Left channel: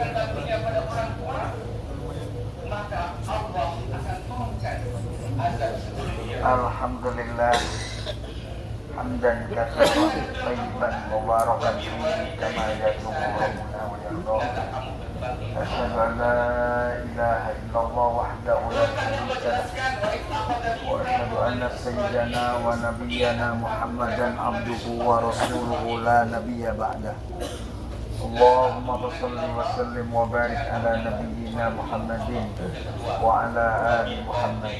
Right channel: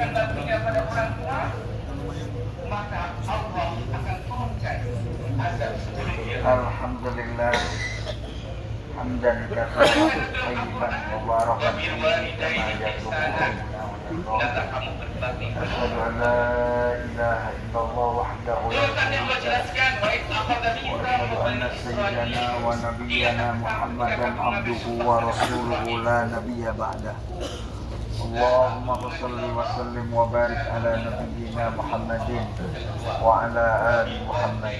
menceritakan baktinya pada orang tua, maka Allah akan turunkan azab sedunia. Alhamdulillah hamdan katsiran thayyiban mubarakan fihi kama yuhibbu rabbuna wa yarda. Asyhadu an la ilaha illallah wahdahu la syarika lahu wa asyhadu anna sayyidana wa nabiyyana Muhammadan abduhu wa rasuluhu la nabiyya ba'dah. Allahumma shalli wa sallim wa barik ala nabiyyina Muhammadin wa ala ali Muhammad.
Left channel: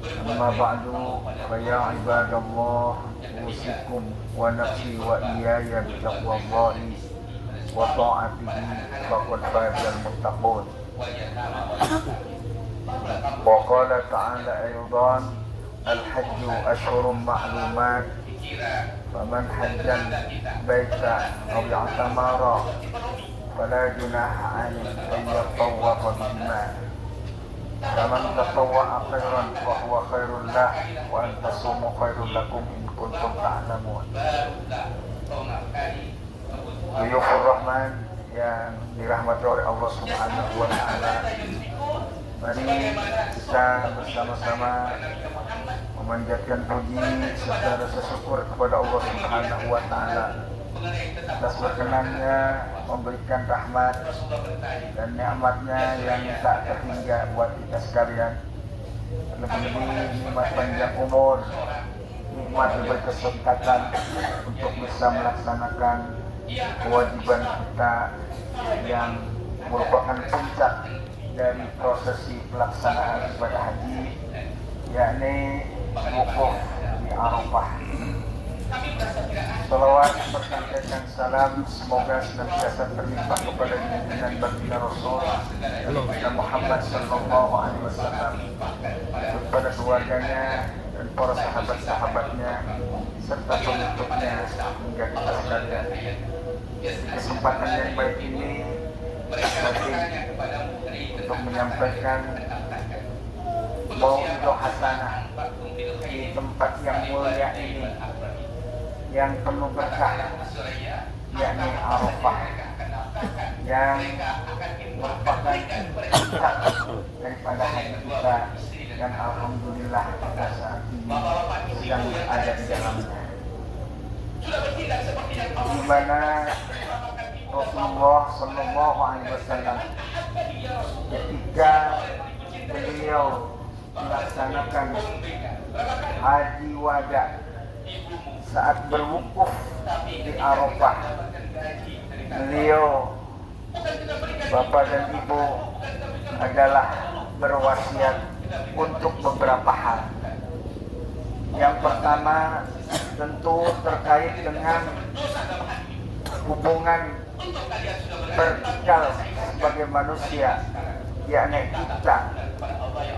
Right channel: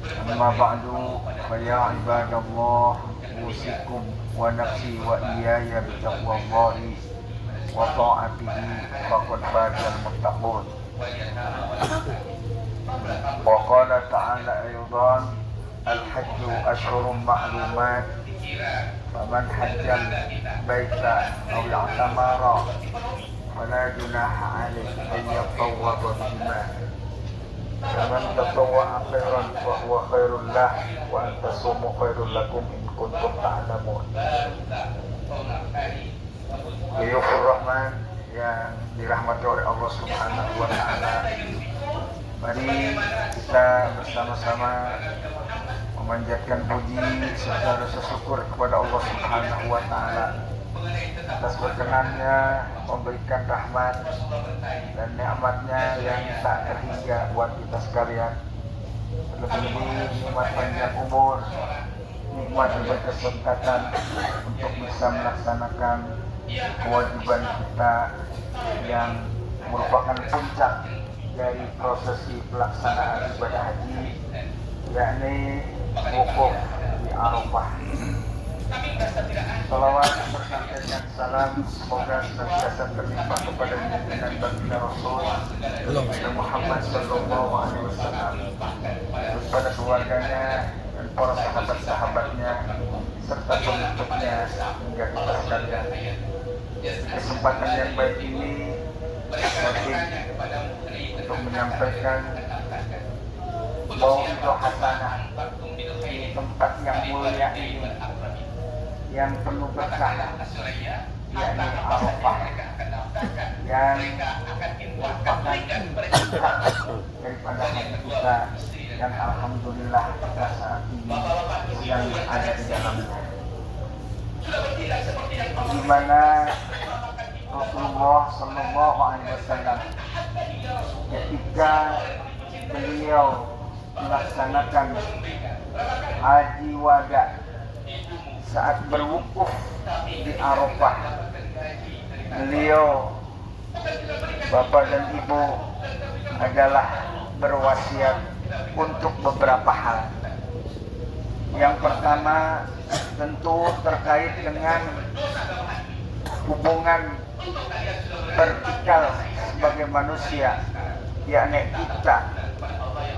Amma ba'du, fa ya ibadallah, usikum wa nafsi wa iyaya bi taqwallahi wa ta'atihi faqad fazal muttaqun. Wa qala ta'ala aydan, al-hajju ashhurun ma'lumat, faman hajjal baita aw i'tamara fala junaha alayhi an yatawwafa bihima. Faman tatawwa'a khairan fa huwa khairul lah wa an tasumu khairul lakum in kuntum ta'lamun. Buyufur Rahman yang dirahmati oleh Allah Subhanahu wa taala. Mari kita bersama-sama memanjatkan puji serta rasa syukur kepada Allah Subhanahu wa taala atas berkenannya memberikan rahmat dan nikmatnya yang tak terhingga buat kita sekalian. Lebih-lebih nikmat panjang umur, nikmat berkesempatan untuk bisa melaksanakan kewajiban kita yang merupakan puncak dari prosesi pelaksanaan ibadah haji, yakni wukuf di Arafah. Salawat bersampaikan salam semoga senantiasa berlimpah kepada junjungan baginda Rasul Muhammad sallallahu alaihi wasallam, kepada keluarganya dan para sahabat-sahabatnya serta pengikutnya hingga kita sekalian. Kesempatan yang baik ini penting untuk menyampaikan mau'izah hasanah di tempat yang mulia ini, yang penuh berkah, yakni Arafah, yang merupakan puncak daripada haji kita, dan alhamdulillah kita saat ini sedang ada di dalamnya, di mana Rasulullah Sallallahu Alaihi Wasallam ketika beliau melaksanakan haji wada saat berwukuf di Arafah, beliau, bapak dan ibu, adalah berwasiat untuk beberapa hal. Yang pertama tentu terkait dengan hubungan vertikal sebagai manusia, yakni kita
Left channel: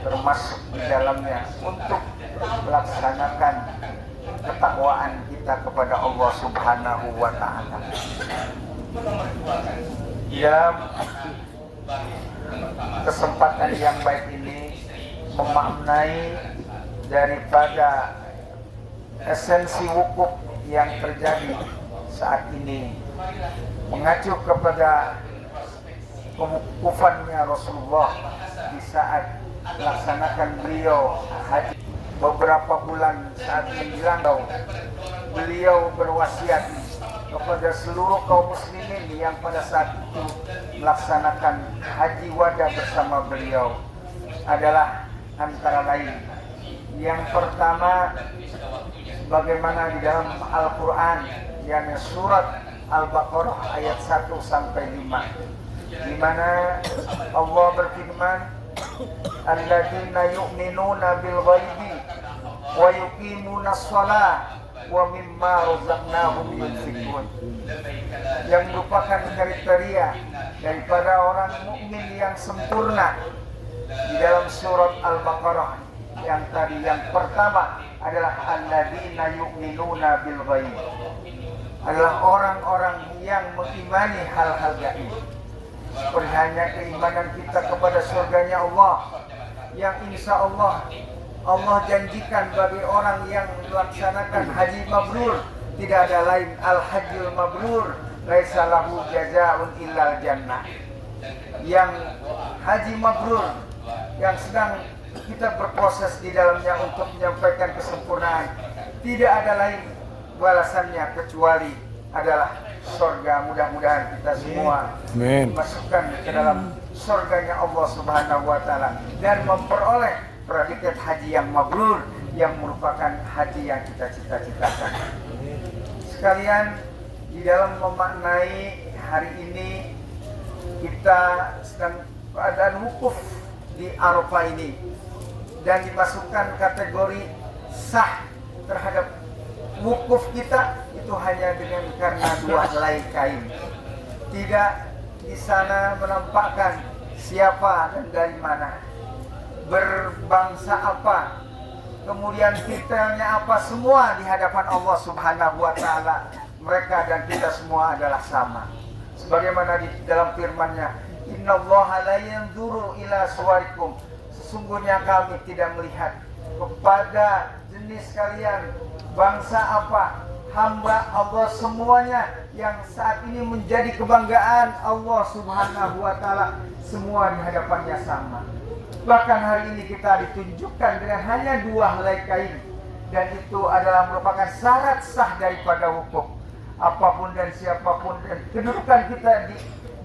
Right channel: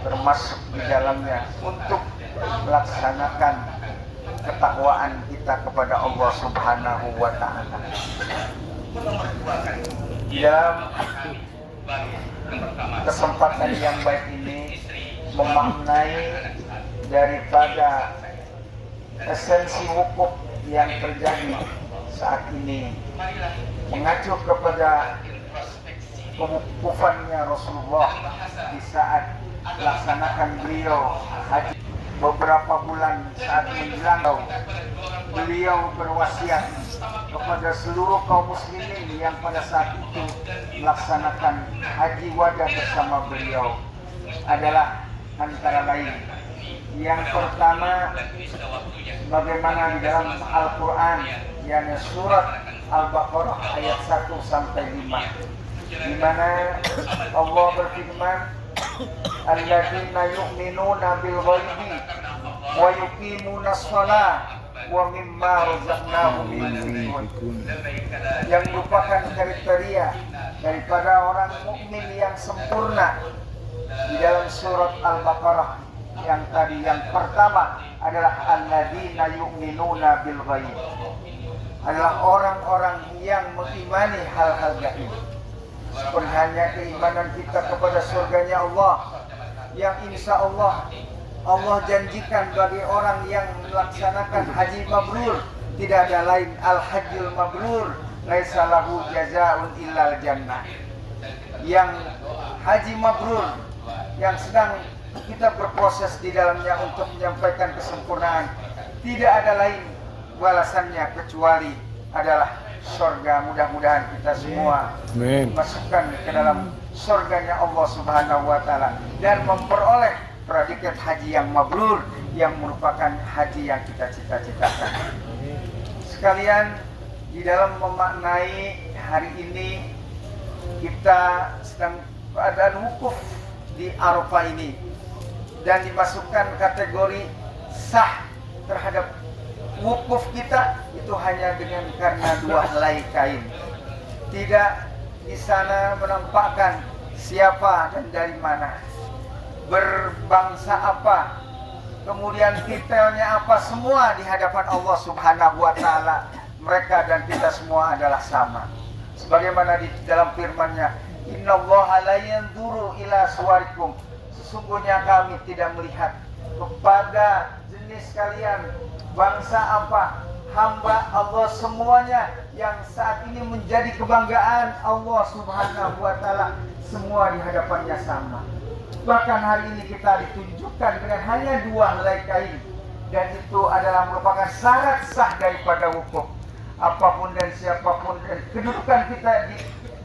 termasuk di dalamnya untuk melaksanakan ketakwaan kita kepada Allah Subhanahu wa taala. Dalam kesempatan yang baik ini memaknai daripada esensi wukuf yang terjadi saat ini, mengacu kepada kewukufannya Rasulullah di saat melaksanakan beliau haji. Beberapa bulan saat menjelang, beliau berwasiat kepada seluruh kaum muslimin yang pada saat itu melaksanakan haji wada bersama beliau adalah antara lain, yang pertama, bagaimana di dalam Al-Quran, yakni surat Al-Baqarah ayat 1 sampai 5, di mana Allah berfirman, alladzina yu'minuna bil ghaibi wa yuqimuna shalah wa mimma razaqnahum yunfiqun, yang merupakan kriteria daripada orang mukmin yang sempurna di dalam surat Al-Baqarah. Yang tadi, yang pertama adalah alladzina yu'minuna bil ghaib, adalah orang-orang yang mengimani hal-hal gaib. Seperti hanya keimanan kita kepada surganya Allah, yang insya Allah janjikan bagi orang yang melaksanakan haji mabrur, tidak ada lain al-hajjul mabrur, laisa lahu jazaa'un illal jannah. Yang haji mabrur, yang sedang kita berproses di dalamnya untuk menyampaikan kesempurnaan, tidak ada lain balasannya kecuali adalah surga. Mudah-mudahan kita semua dimasukkan ke dalam surganya Allah Subhanahu wa taala dan memperoleh predikat haji yang mabrur, yang merupakan haji yang kita cita-citakan. Sekalian, di dalam memaknai hari ini kita sedang keadaan wukuf di Arafah ini dan dimasukkan kategori sah terhadap wukuf kita itu hanya dengan karena 2 helai kain. Tidak di sana menampakkan siapa dan dari mana, berbangsa apa, kemudian titelnya apa, semua di hadapan Allah Subhanahu wa taala mereka dan kita semua adalah sama. Sebagaimana di dalam firman-Nya, innallaha la yanzuru ila suwarikum, sesungguhnya kami tidak melihat kepada jenis kalian, bangsa apa, hamba Allah semuanya yang saat ini menjadi kebanggaan Allah Subhanahu wa taala, semua di hadapannya sama. Bahkan hari ini kita ditunjukkan dengan hanya 2 helai kain, dan itu adalah merupakan syarat sah daripada wukuf. Apapun dan siapapun dan kedudukan kita di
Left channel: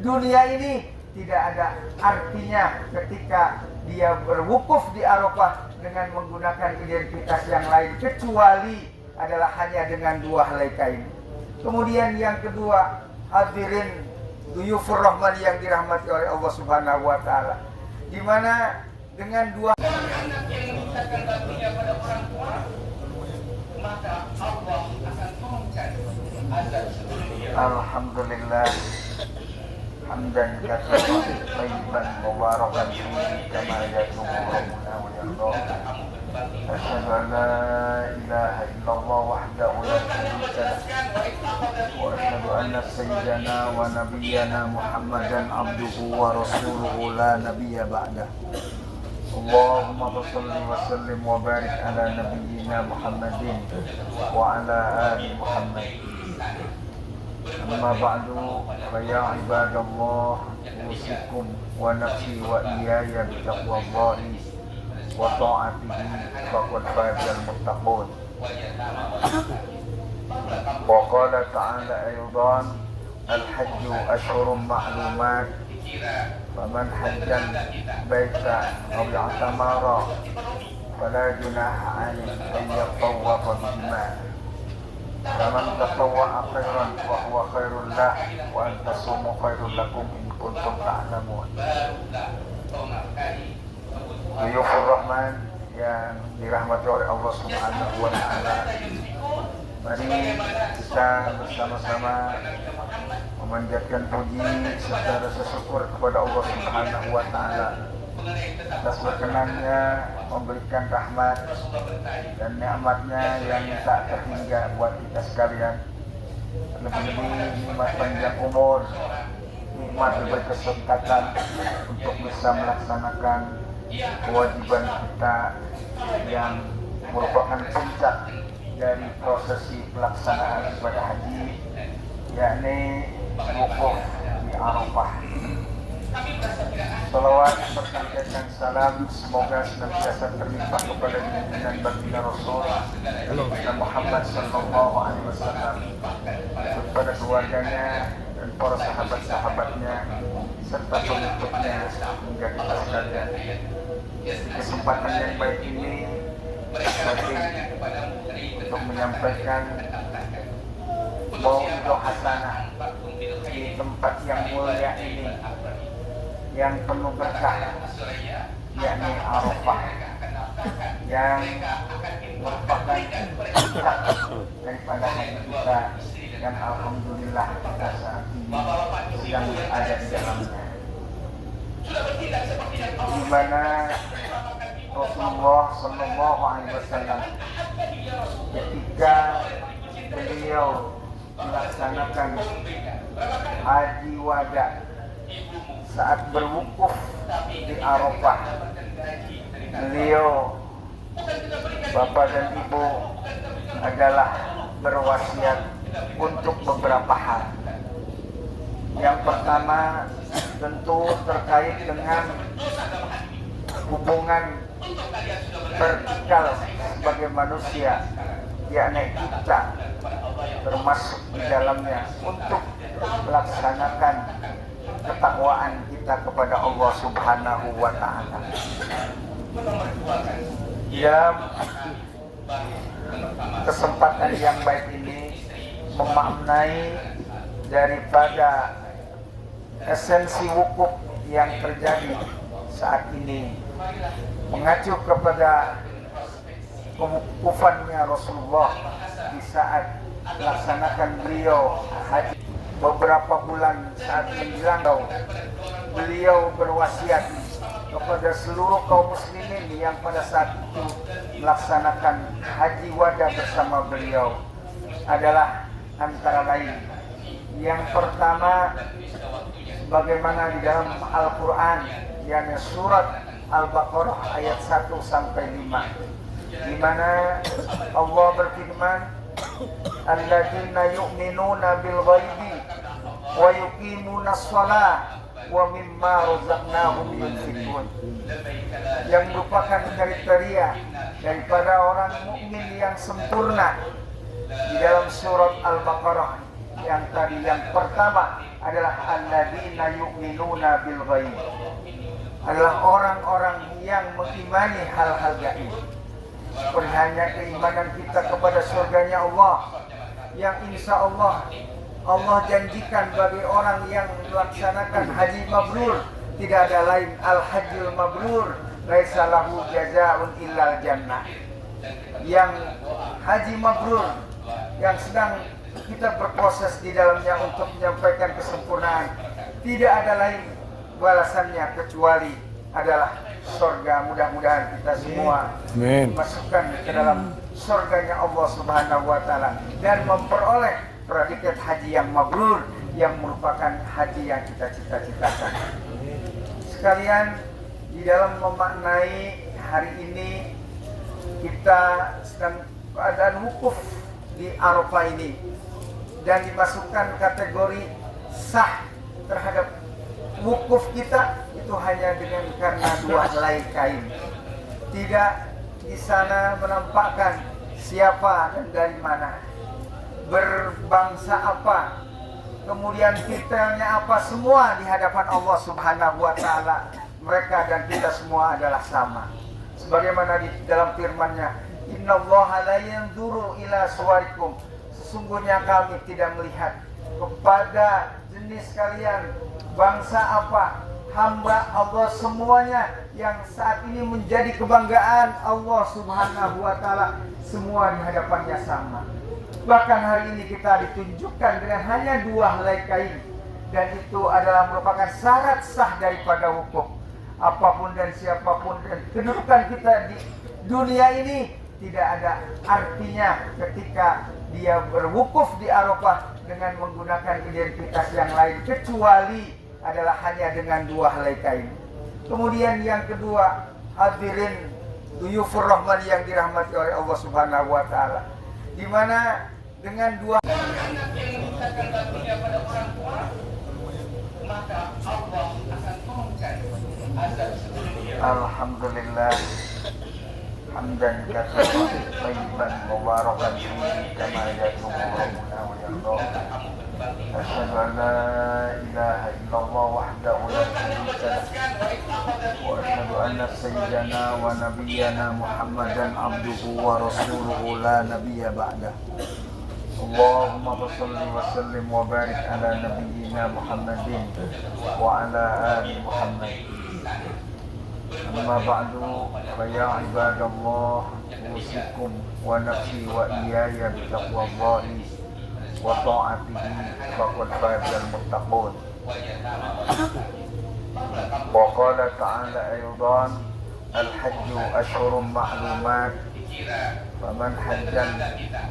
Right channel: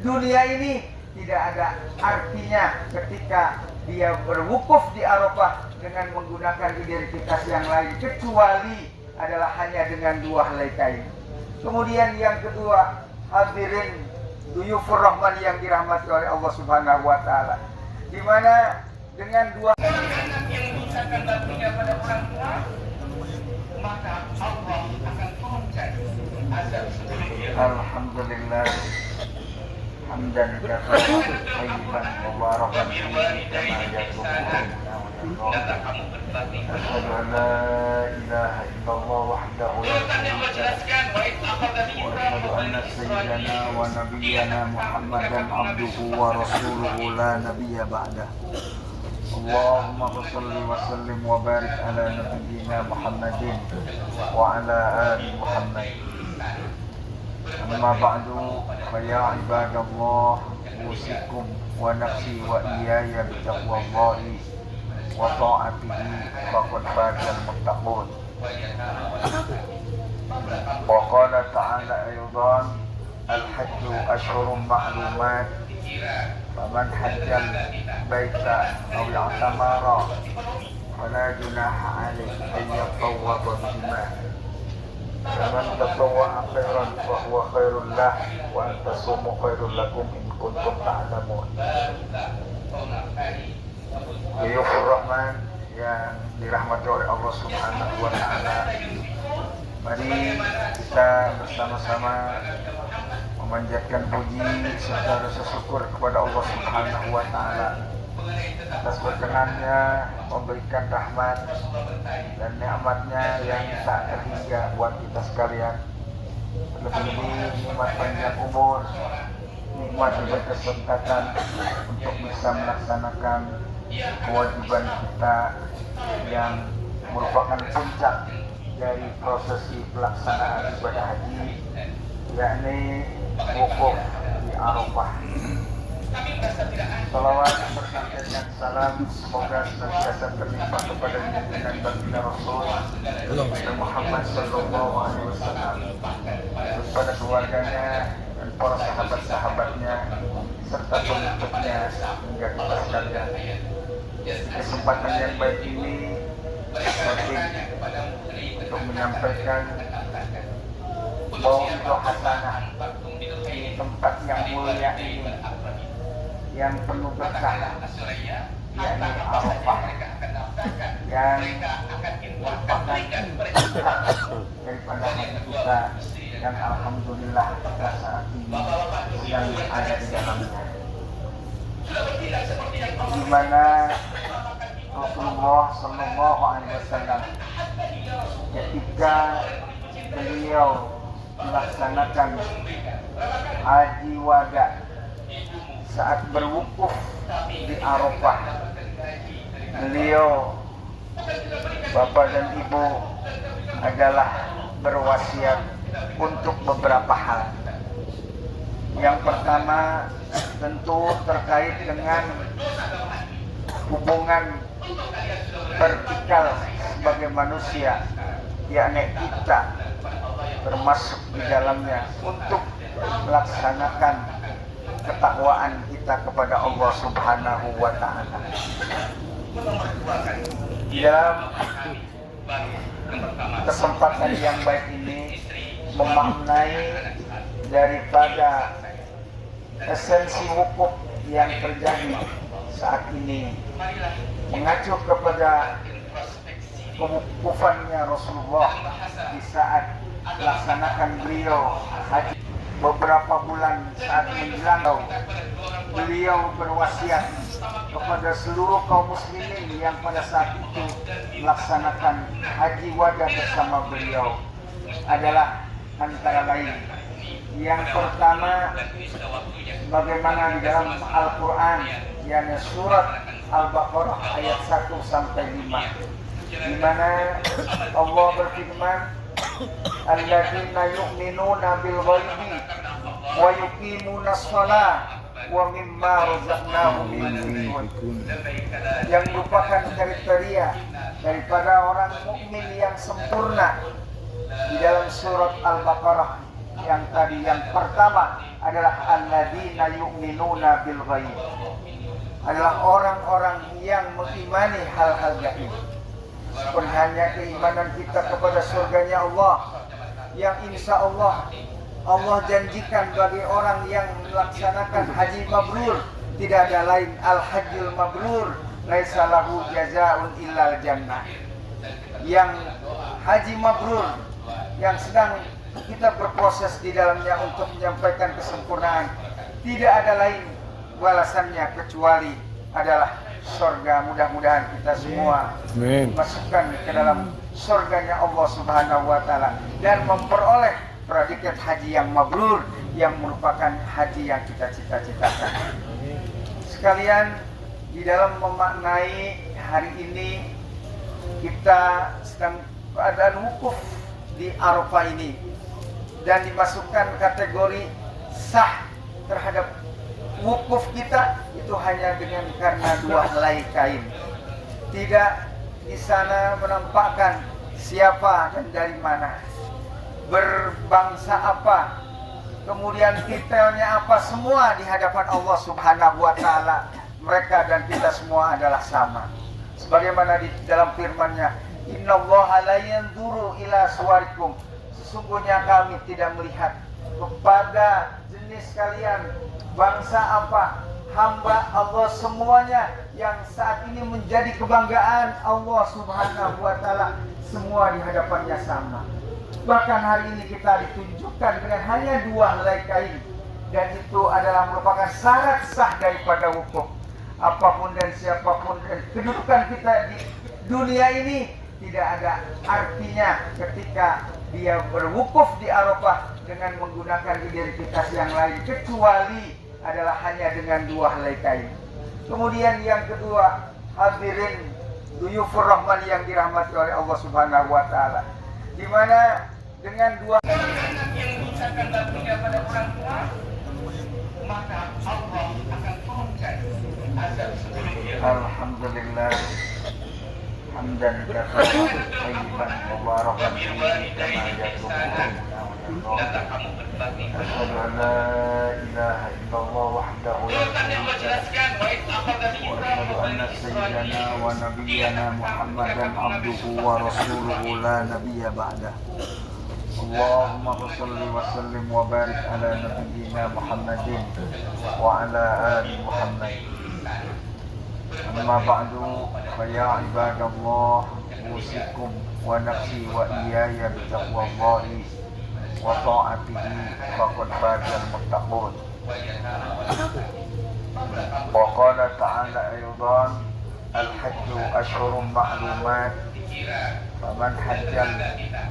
dunia ini tidak ada artinya ketika dia berwukuf di Arafah dengan menggunakan identitas yang lain kecuali adalah hanya dengan 2 helai kain. Kemudian yang kedua, hadirin duyufur rahman yang dirahmati oleh Allah Subhanahu wa taala, di mana dengan 2 anak yang mengucapkan baktinya pada orang tua, maka Allah akan turunkan azab seluruhnya. Alhamdulillah hamdan katsiran thayyiban mubarakan fihi kama yuhibbuna wa yarda. Asyhadu an la ilaha illallah wahdahu la syarika lahu wa asyhadu anna sayyidana wa nabiyyana Muhammadan abduhu wa rasuluhu la nabiyya ba'dah. Allahumma shalli wa sallim wa barik ala nabiyyina Muhammadin wa ala ali Muhammad. Amma ba'du, fa ya ibadallah, usikum wa nafsi wa iyaya bitaqwallahi wa ta'atihi faqad fazal muttaqun. Wa qala ta'ala aydan, al-hajju ashhurun ma'lumat, faman hajjal baita aw i'tamara fala junaha alayhi an yatawwafa bihima. Faman tatawwa'a khairan fa huwa khairul lah wa an tasumu khairul lakum in kuntum ta'lamun. Duyufur Rahman yang dirahmati oleh Allah Subhanahu wa taala, mari kita bersama-sama memanjatkan puji serta rasa syukur kepada Allah Subhanahu wa taala atas berkenannya memberikan rahmat dan nikmatnya yang tak terhingga buat kita sekalian. Lebih-lebih nikmat panjang umur, nikmat berkesempatan untuk bisa melaksanakan kewajiban kita yang merupakan puncak dari prosesi pelaksanaan ibadah haji, yakni wukuf di Arafah. Salawat berkaitan dan salam semoga senantiasa berlimpah kepada junjungan baginda Rasul Muhammad sallallahu alaihi wasallam, kepada keluarganya dan para sahabat-sahabatnya serta pengikutnya hingga kita sekalian. Kesempatan yang baik ini penting untuk menyampaikan mau'izah hasanah di tempat yang mulia ini, yang penuh berkah, yakni Arafah, yang merupakan puncak daripada haji kita, dan alhamdulillah kita saat ini sedang ada di dalamnya, di mana Rasulullah Sallallahu Alaihi Wasallam ketika beliau melaksanakan haji wada saat berwukuf di Arafah, beliau, bapak dan ibu, adalah berwasiat untuk beberapa hal. Yang pertama tentu terkait dengan hubungan vertikal sebagai manusia, yakni kita termasuk di dalamnya untuk melaksanakan ketakwaan kita kepada Allah Subhanahu wa Ta'ala. Dalam kesempatan yang baik ini memaknai daripada esensi wukuf yang terjadi saat ini, mengacu kepada kewukufannya Rasulullah di saat melaksanakan beliau haji. Beberapa bulan saat menjelang, beliau berwasiat kepada seluruh kaum muslimin yang pada saat itu melaksanakan haji wada bersama beliau adalah antara lain. Yang pertama, bagaimana di dalam Al-Quran, yakni surat Al-Baqarah ayat 1 sampai 5, di mana Allah berfirman, alladzina yu'minuna bil ghaibi wa yuqimuna shalah wa mimma razaqnahum yunfiqun, yang merupakan kriteria daripada orang mukmin yang sempurna di dalam surat Al-Baqarah. Yang tadi yang pertama adalah alladzina yu'minuna bil ghaib, adalah orang-orang yang mengimani hal-hal gaib. Seperti hanya keimanan kita kepada surganya Allah, yang insya Allah janjikan bagi orang yang melaksanakan haji mabrur, tidak ada lain al-hajjul mabrur laisa lahu jazaa'un illal jannah. Yang haji mabrur yang sedang kita berproses di dalamnya untuk menyampaikan kesempurnaan, tidak ada lain balasannya kecuali adalah surga. Mudah-mudahan kita semua dimasukkan ke dalam surganya Allah Subhanahu wa Ta'ala dan memperoleh predikat haji yang mabrur, yang merupakan haji yang kita cita-citakan. Sekalian, di dalam memaknai hari ini kita sedang keadaan wukuf di Arafah ini dan dimasukkan kategori sah terhadap wukuf kita itu hanya dengan karena 2 helai kain. Tidak di sana menampakkan siapa dan dari mana, berbangsa apa, kemudian detailnya apa, semua di hadapan Allah Subhanahu wa Ta'ala mereka dan kita semua adalah sama. Sebagaimana di dalam firman-Nya, innallaha la yanzuru ila suwarikum, sesungguhnya kami tidak melihat kepada jenis kalian, bangsa apa, hamba Allah semuanya yang saat ini menjadi kebanggaan Allah Subhanahu wa Ta'ala, semua di hadapannya sama. Bahkan hari ini kita ditunjukkan dengan hanya 2 helai kain, dan itu adalah merupakan syarat sah daripada wukuf. Apapun dan siapapun dan kedudukan kita di dunia ini tidak ada artinya ketika dia berwukuf di Arafah dengan menggunakan identitas yang lain kecuali adalah hanya dengan 2 helai kain. Kemudian yang kedua, hadirin duyufur rahman yang dirahmati oleh Allah Subhanahu wa Ta'ala, di mana dengan 2 anak yang menyisakan baktinya pada orang tua, maka Allah akan turunkan azab seluruhnya. Alhamdulillah hamdan katsiran thayyiban mubarakan fihi kama yatubbuna wa yarda. Asyhadu an la ilaha illallah wahdahu la syarika lahu wa asyhadu anna sayyidana wa nabiyyana Muhammadan abduhu wa rasuluhu la nabiyya ba'dah. Allahumma shalli wa sallim wa barik ala nabiyyina Muhammadin wa ala ali Muhammad. Amma ba'du, fa ya ibadallah, usikum wa nafsi wa iyaya bi taqwallahi wa ta'atihi faqad fazal muttaqun. Wa qala ta'ala aydan, al-hajju ashhurun ma'lumat, faman hajjal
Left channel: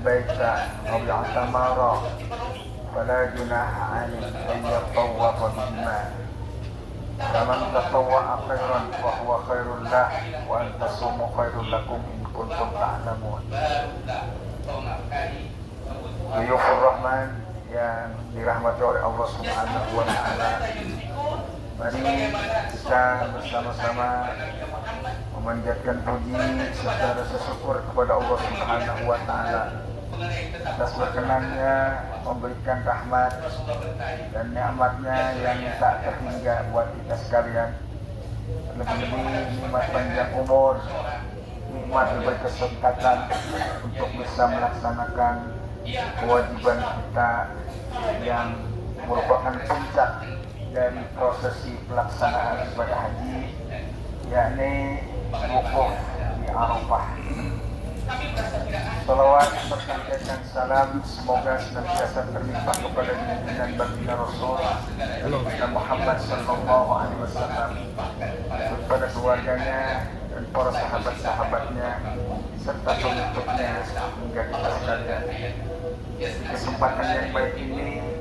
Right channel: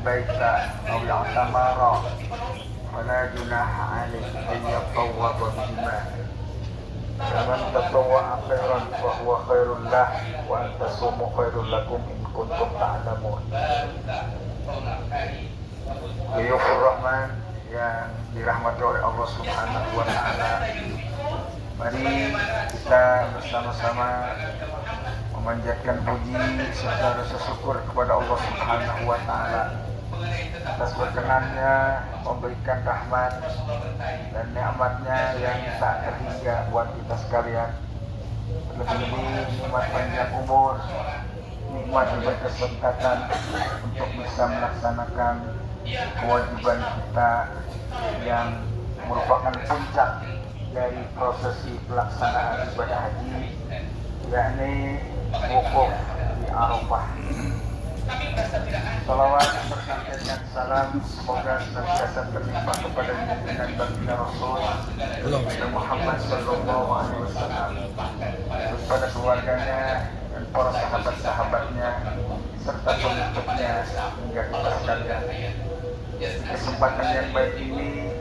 baita aw i'tamara fala junaha alayhi an yatawwafa bihima. Faman tatawwa'a khairan fa huwa khairul lah wa an tasumu khairul lakum in kuntum ta'lamun. Duyufur Rahman yang dirahmati oleh Allah Subhanahu wa Ta'ala. Mari kita bersama-sama memanjatkan puji serta rasa syukur kepada Allah Subhanahu wa Ta'ala atas berkenannya memberikan rahmat dan nikmatnya yang tak terhingga buat kita sekalian. Lebih-lebih nikmat panjang umur, nikmat berkesempatan untuk bisa melaksanakan kewajiban kita yang merupakan puncak dari prosesi pelaksanaan ibadah haji, yakni wukuf di Arafah. Salawat berkaitan salam semoga senantiasa berlimpah kepada junjungan baginda Rasul Muhammad sallallahu alaihi wasallam, kepada keluarganya dan para sahabat-sahabatnya serta pengikutnya hingga kita sekalian. Kesempatan yang baik ini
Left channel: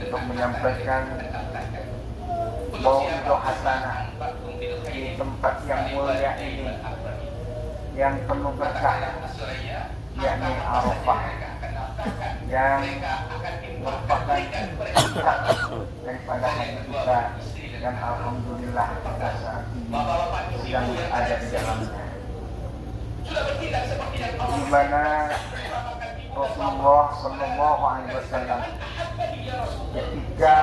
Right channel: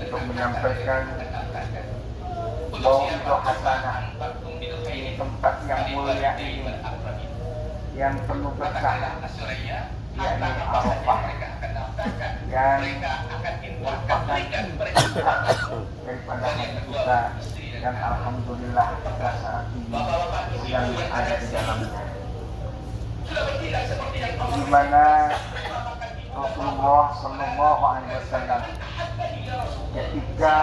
untuk menyampaikan mau'izah hasanah di tempat yang mulia ini yang penuh berkah, yakni Arafah, yang merupakan puncak daripada haji kita, dan alhamdulillah kita saat ini sedang ada di dalamnya, di mana Rasulullah Sallallahu Alaihi Wasallam ketika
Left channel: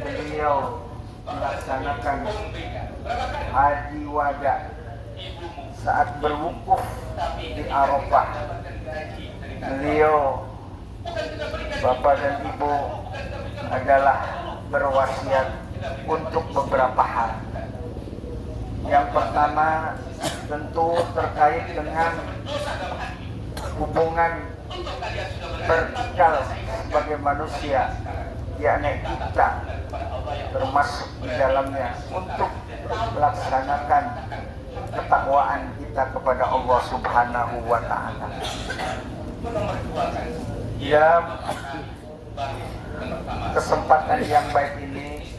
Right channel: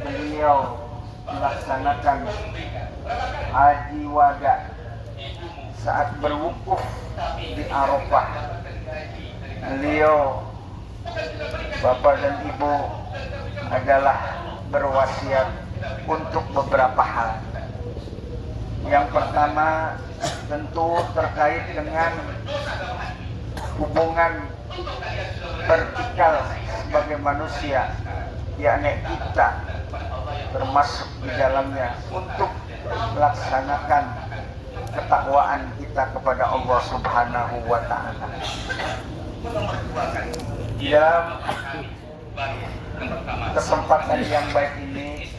beliau melaksanakan haji wada saat berwukuf di Arafah, beliau bapak dan ibu adalah berwasiat untuk beberapa hal. Yang pertama tentu terkait dengan hubungan vertikal sebagai manusia, yakni kita termasuk di dalamnya untuk melaksanakan ketakwaan kita kepada Allah Subhanahu wa Ta'ala. Dalam kesempatan yang baik ini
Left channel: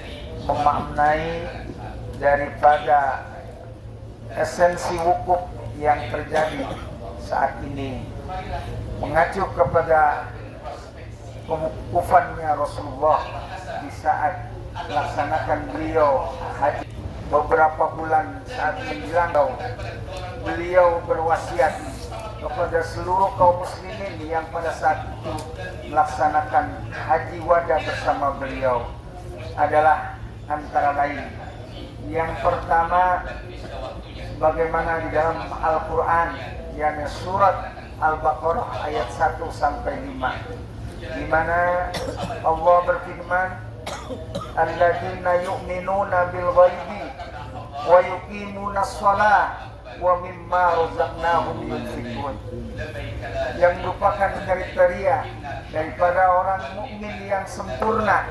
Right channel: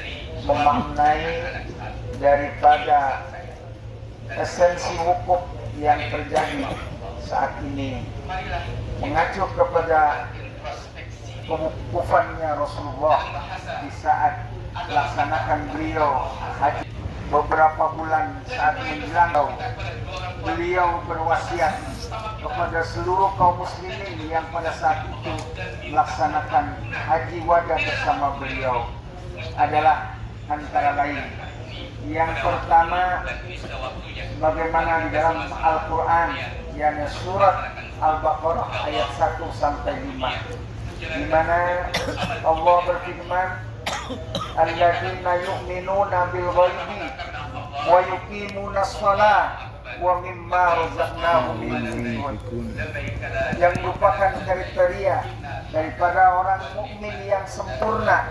memaknai daripada esensi wukuf yang terjadi saat ini, mengacu kepada pewukufannya Rasulullah di saat melaksanakan beliau haji. Beberapa bulan saat menjelang, beliau berwasiat kepada seluruh kaum muslimin yang pada saat itu melaksanakan haji wada bersama beliau adalah antara lain, yang pertama, bagaimana di dalam Al-Quran, yakni surat Al-Baqarah ayat 1 sampai 5, di mana Allah berfirman, alladzina yu'minuna bil ghaibi wa yuqimuna shalah wa mimma razaqnahum yunfiqun, yang merupakan kriteria daripada orang mukmin yang sempurna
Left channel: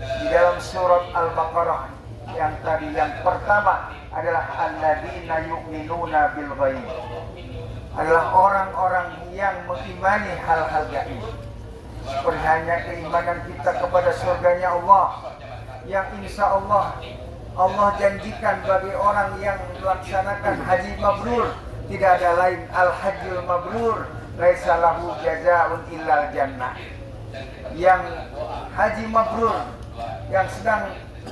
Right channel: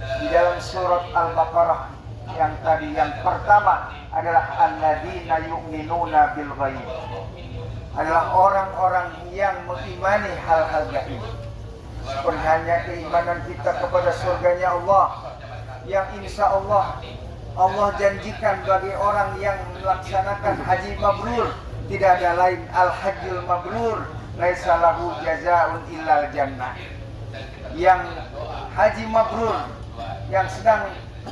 di dalam surat Al-Baqarah. Yang tadi yang pertama adalah alladzina yu'minuna bil ghaib, adalah orang-orang yang mengimani hal-hal gaib, seperti hanya keimanan kita kepada surganya Allah, yang insya Allah janjikan bagi orang yang melaksanakan haji mabrur, tidak ada lain al-hajjul mabrur laisa lahu jazaa'un illal jannah. Yang haji mabrur yang sedang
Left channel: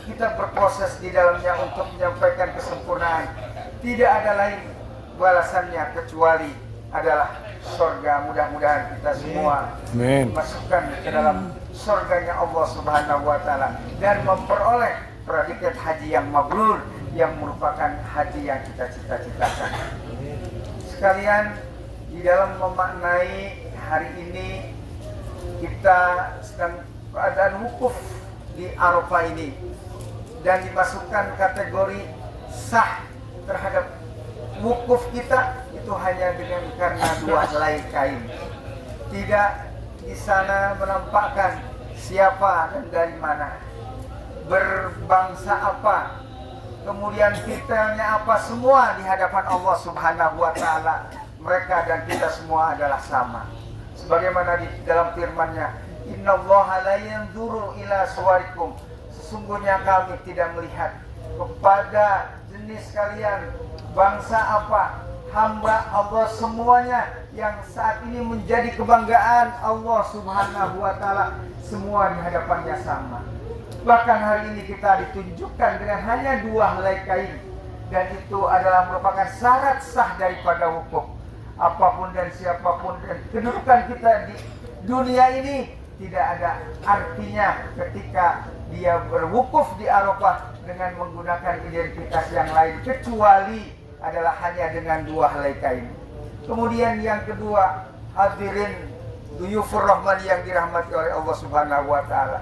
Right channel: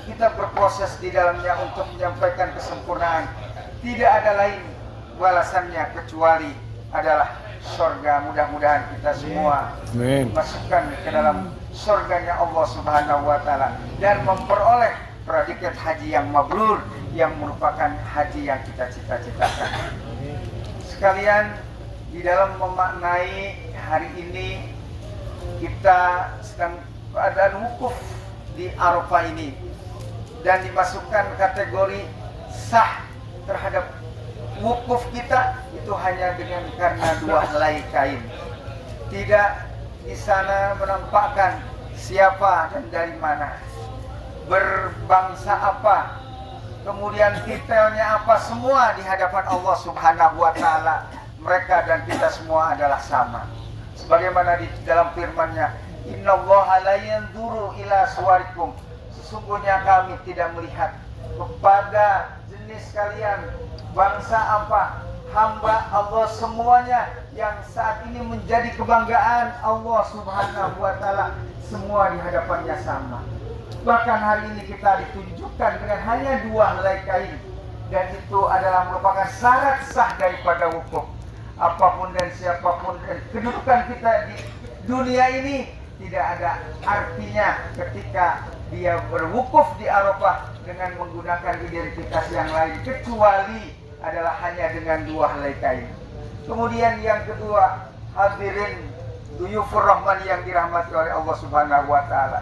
kita berproses di dalamnya untuk menyampaikan kesempurnaan, tidak ada lain balasannya kecuali adalah surga. Mudah-mudahan kita semua masukkan ke dalam surganya Allah Subhanahu wa Ta'ala dan memperoleh predikat haji yang mabrur, yang merupakan haji yang kita cita-citakan. Sekalian, di dalam memaknai hari ini kita sedang keadaan wukuf di Arafah ini dan dimasukkan kategori sah terhadap wukuf kita itu hanya dengan karena dua helai kain. Tidak di sana menampakkan siapa dan dari mana, berbangsa apa, kemudian titelnya apa, semua di hadapan Allah Subhanahu wa Ta'ala mereka dan kita semua adalah sama. Sebagaimana di dalam firman-Nya, innallaha la yanzuru ila suwarikum, sesungguhnya kami tidak melihat kepada jenis kalian, bangsa apa, hamba Allah semuanya yang saat ini menjadi kebanggaan Allah Subhanahu wa Ta'ala, semua di hadapannya sama. Bahkan hari ini kita ditunjukkan dengan hanya 2 helai kain, dan itu adalah merupakan syarat sah daripada wukuf. Apapun dan siapapun dan kedudukan kita di dunia ini tidak ada artinya ketika dia berwukuf di Arafah dengan menggunakan identitas yang lain, kecuali adalah hanya dengan 2 helai kain. Kemudian yang kedua, hadirin duyufur rahman yang dirahmati oleh Allah Subhanahu wa Ta'ala,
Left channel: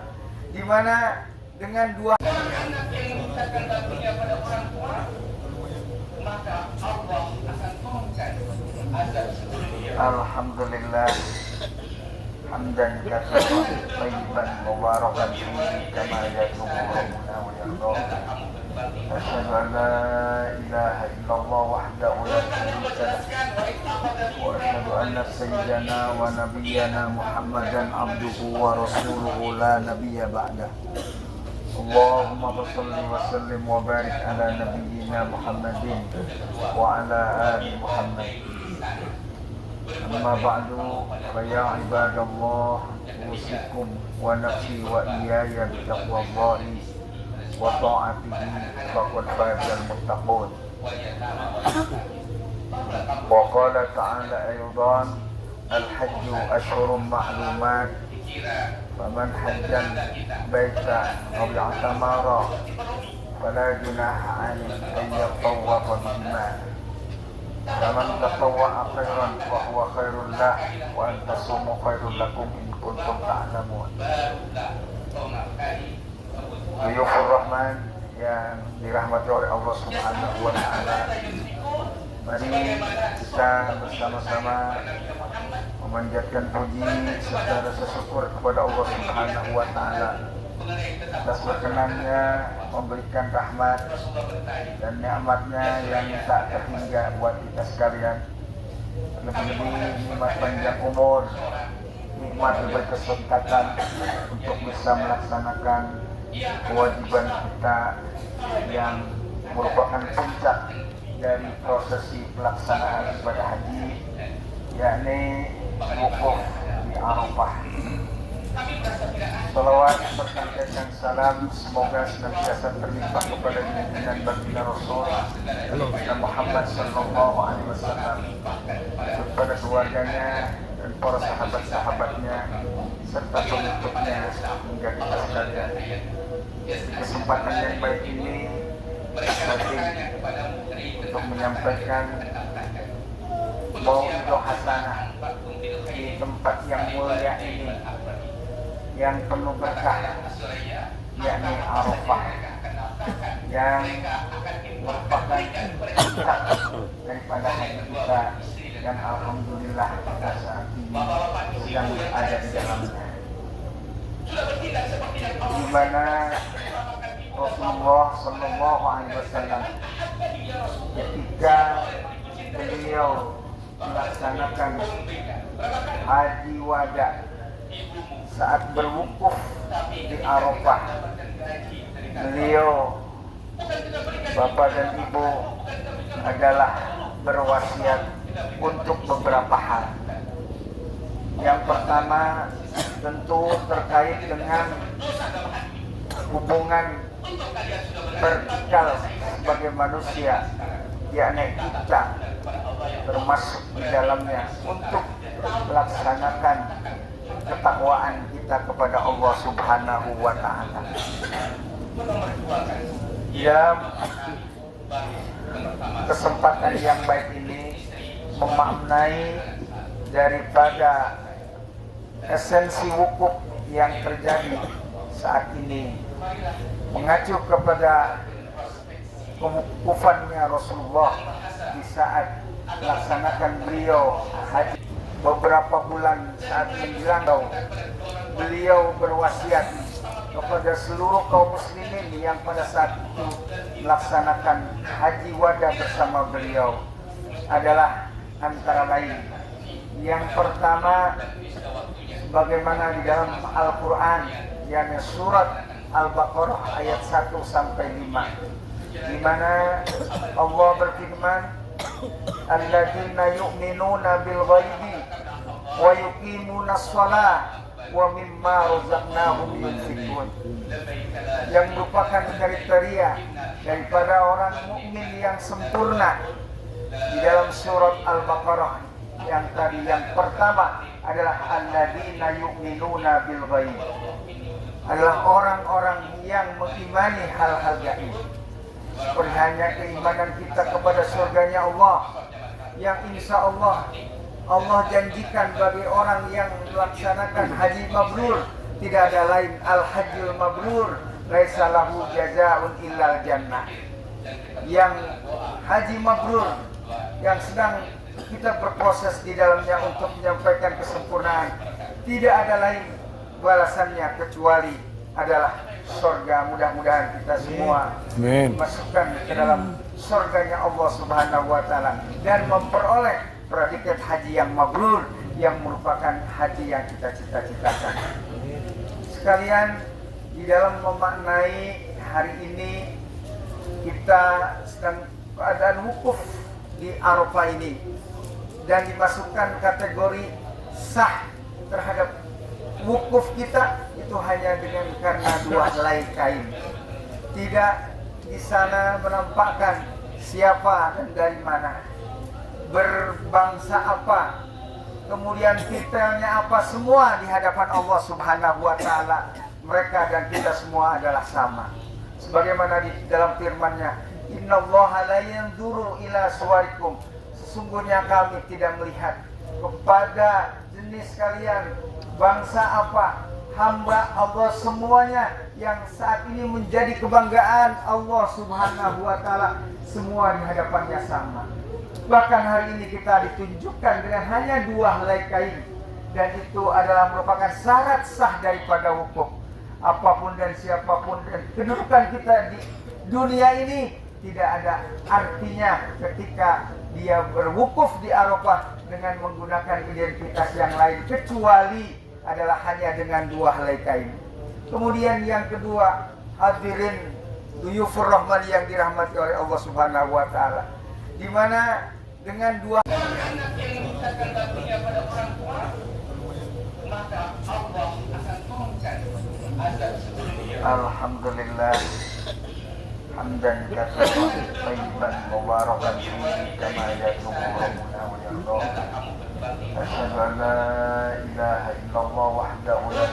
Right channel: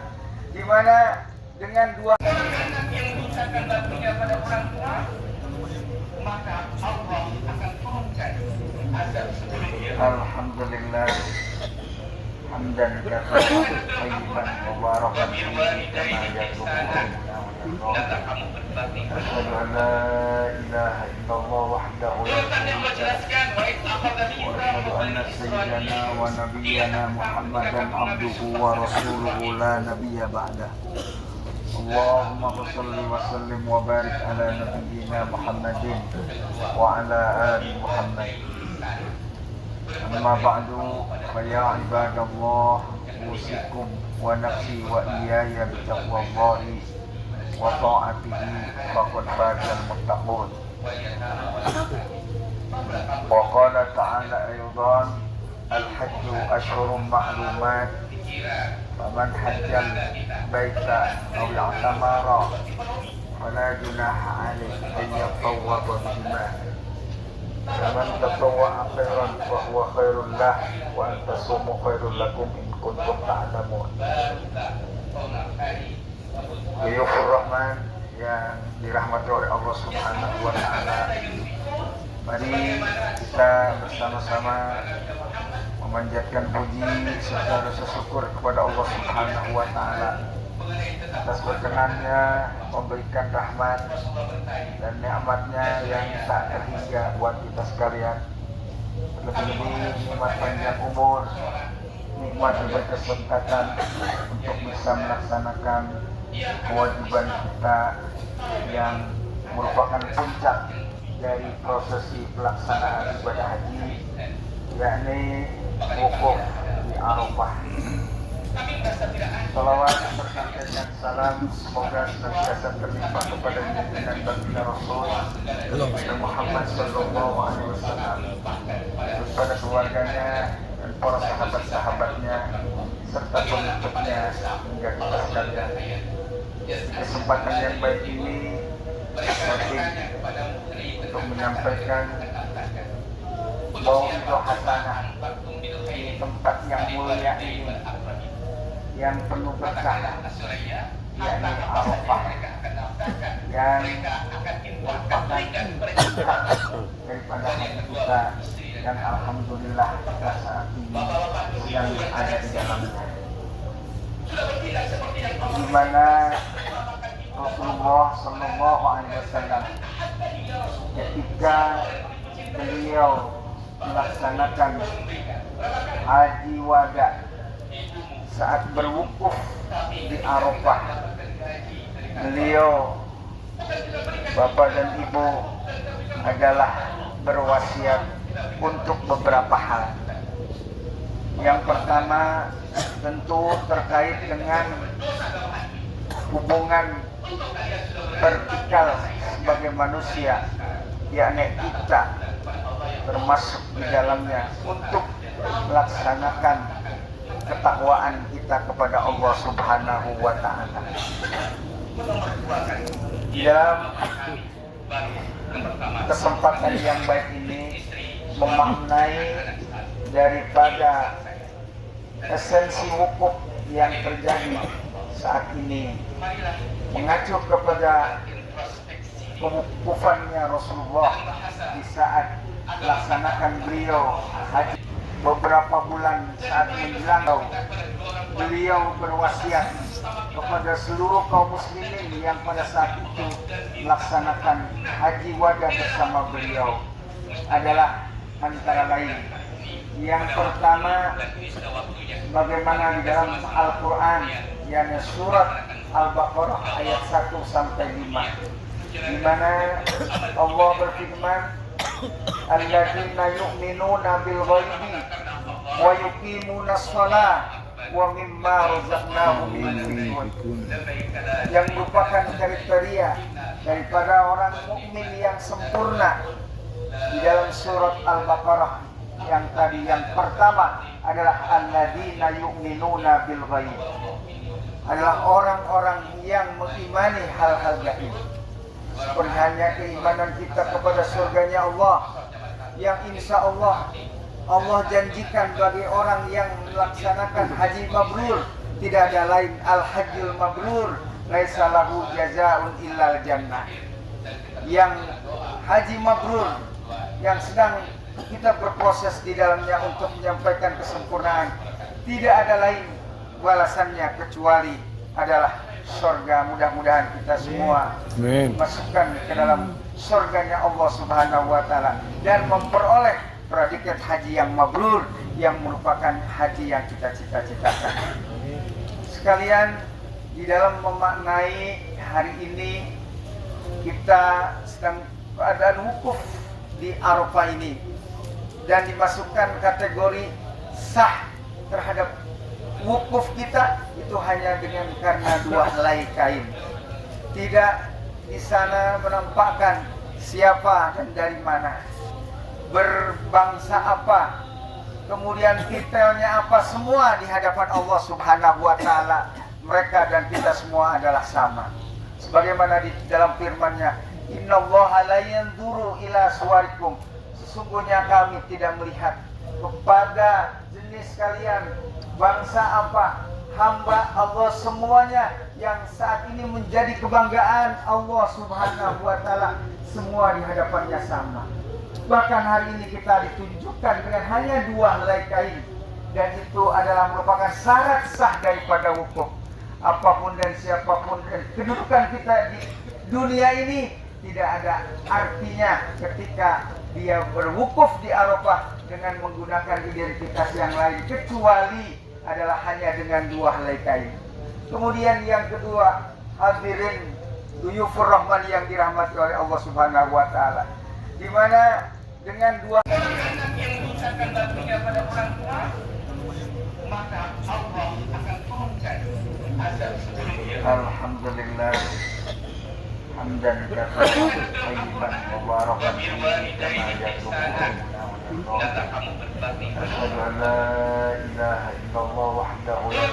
di mana dengan 2 anak yang menyiksakan baktinya pada orang tua, maka Allah akan turunkan azab seluruhnya. Alhamdulillah hamdan katsiran thayyiban mubarakan fihi kama yatubu أشهد أن لا إله إلا الله وحده لا شريك له وأشهد أن سيدنا ونبينا محمدا عبده ورسوله لا نبي بعده اللهم صل وسلم وبارك على نبينا محمد وعلى آل محمد أما بعد فيا عباد الله أوصيكم ونفسي وإياي بتقوى الله وطاعته فقد فاز المتقون. وقال تعالى أيضا الحج أشهر معلومات فمن حج البيت أو اعتمر فلا جناح عليه أن يطوف بهما فمن تطوع خيرا فهو خير له وأن تصوموا خير لكم إن كنتم تعلمون. Duyufur Rahman yang dirahmati oleh Allah Subhanahu wa Ta'ala, mari kita bersama-sama memanjatkan puji serta rasa syukur kepada Allah Subhanahu wa Ta'ala atas berkenannya memberikan rahmat dan nikmatnya yang tak terhingga buat kita sekalian. Lebih-lebih nikmat panjang umur, nikmat berkesempatan untuk bisa melaksanakan kewajiban kita yang merupakan puncak dari prosesi pelaksanaan ibadah haji, yakni wukuf di Arafah. Salawat berkaitan dan salam semoga senantiasa terlimpah kepada junjungan baginda Rasul Muhammad sallallahu alaihi wasallam, kepada keluarganya dan para sahabat-sahabatnya serta pengikutnya hingga kita sekalian. Kesempatan yang baik ini penting untuk menyampaikan mau'izah hasanah di tempat yang mulia ini yang penuh berkah, yakni Arafah, yang merupakan puncak daripada haji kita, dan alhamdulillah kita saat ini sedang ada di dalamnya, di mana Rasulullah Sallallahu Alaihi Wasallam ketika beliau melaksanakan haji wada saat berwukuf di Arafah, beliau bapak dan ibu adalah berwasiat untuk beberapa hal. Yang pertama tentu terkait dengan hubungan vertikal sebagai manusia, yakni kita termasuk di dalamnya untuk melaksanakan ketakwaan kita kepada Allah Subhanahu wa Ta'ala. Kesempatan yang baik ini memaknai daripada esensi wukuf yang terjadi saat ini, mengacu kepada kewukufannya Rasulullah di saat melaksanakan beliau haji. Beberapa bulan saat menjelang, beliau berwasiat kepada seluruh kaum muslimin yang pada saat itu melaksanakan haji wada bersama beliau adalah antara lain, yang pertama, bagaimana di dalam Al-Quran, yakni surat Al-Baqarah ayat 1 sampai 5, di mana Allah berfirman, alladzina yu'minuna bil ghaibi wa yuqimuna shalah wa mimma razaqnahum yunfiqun, yang merupakan kriteria daripada orang mukmin yang sempurna di dalam surat Al-Baqarah yang tadi. Yang pertama adalah alladzina yu'minuna bil ghaib, adalah orang-orang yang mengimani hal-hal gaib, seperti hanya keimanan kita kepada surganya Allah yang insya Allah janjikan bagi orang yang melaksanakan haji mabrur. Tidak ada lain, al-hajjul mabrur laisa lahu jazaa'un illal jannah. Yang haji mabrur yang sedang kita berproses di dalamnya untuk menyampaikan kesempurnaan, tidak ada lain balasannya kecuali adalah surga. Mudah-mudahan kita semua dimasukkan ke dalam surganya Allah Subhanahu wa taala dan memperoleh predikat haji yang mabrur, yang merupakan haji yang kita cita-citakan. Sekalian, di dalam memaknai hari ini kita sedang keadaan wukuf di Arafah ini dan dimasukkan kategori sah terhadap wukuf kita itu hanya dengan karena 2 helai kain. Tidak di sana menampakkan siapa dan dari mana, berbangsa apa, kemudian titelnya apa, semua di hadapan Allah Subhanahu wa taala mereka dan kita semua adalah sama. Sebagaimana di dalam firman-Nya, innallaha la yanzuru ila suwarikum, sesungguhnya kami tidak melihat kepada jenis kalian, bangsa apa, hamba Allah semuanya yang saat ini menjadi kebanggaan Allah Subhanahu wa taala, semua di hadapannya sama. Bahkan hari ini kita ditunjukkan dengan hanya 2 helai kain, dan itu adalah merupakan syarat sah daripada wukuf. Apapun dan siapapun dan kedudukan kita di dunia ini tidak ada artinya ketika dia berwukuf di Arafah dengan menggunakan identitas yang lain kecuali adalah hanya dengan 2 helai kain. Kemudian yang kedua, hadirin duyufur rahman yang dirahmati oleh Allah Subhanahu wa taala, di mana dengan 2 anak yang mengucapkan baktinya pada orang tua, maka Allah akan turunkan azab seluruhnya. Alhamdulillah hamdan katsiran thayyiban mubarakan fihi kama yatubbuna wa yarda. Asyhadu an la ilaha illallah wahdahu la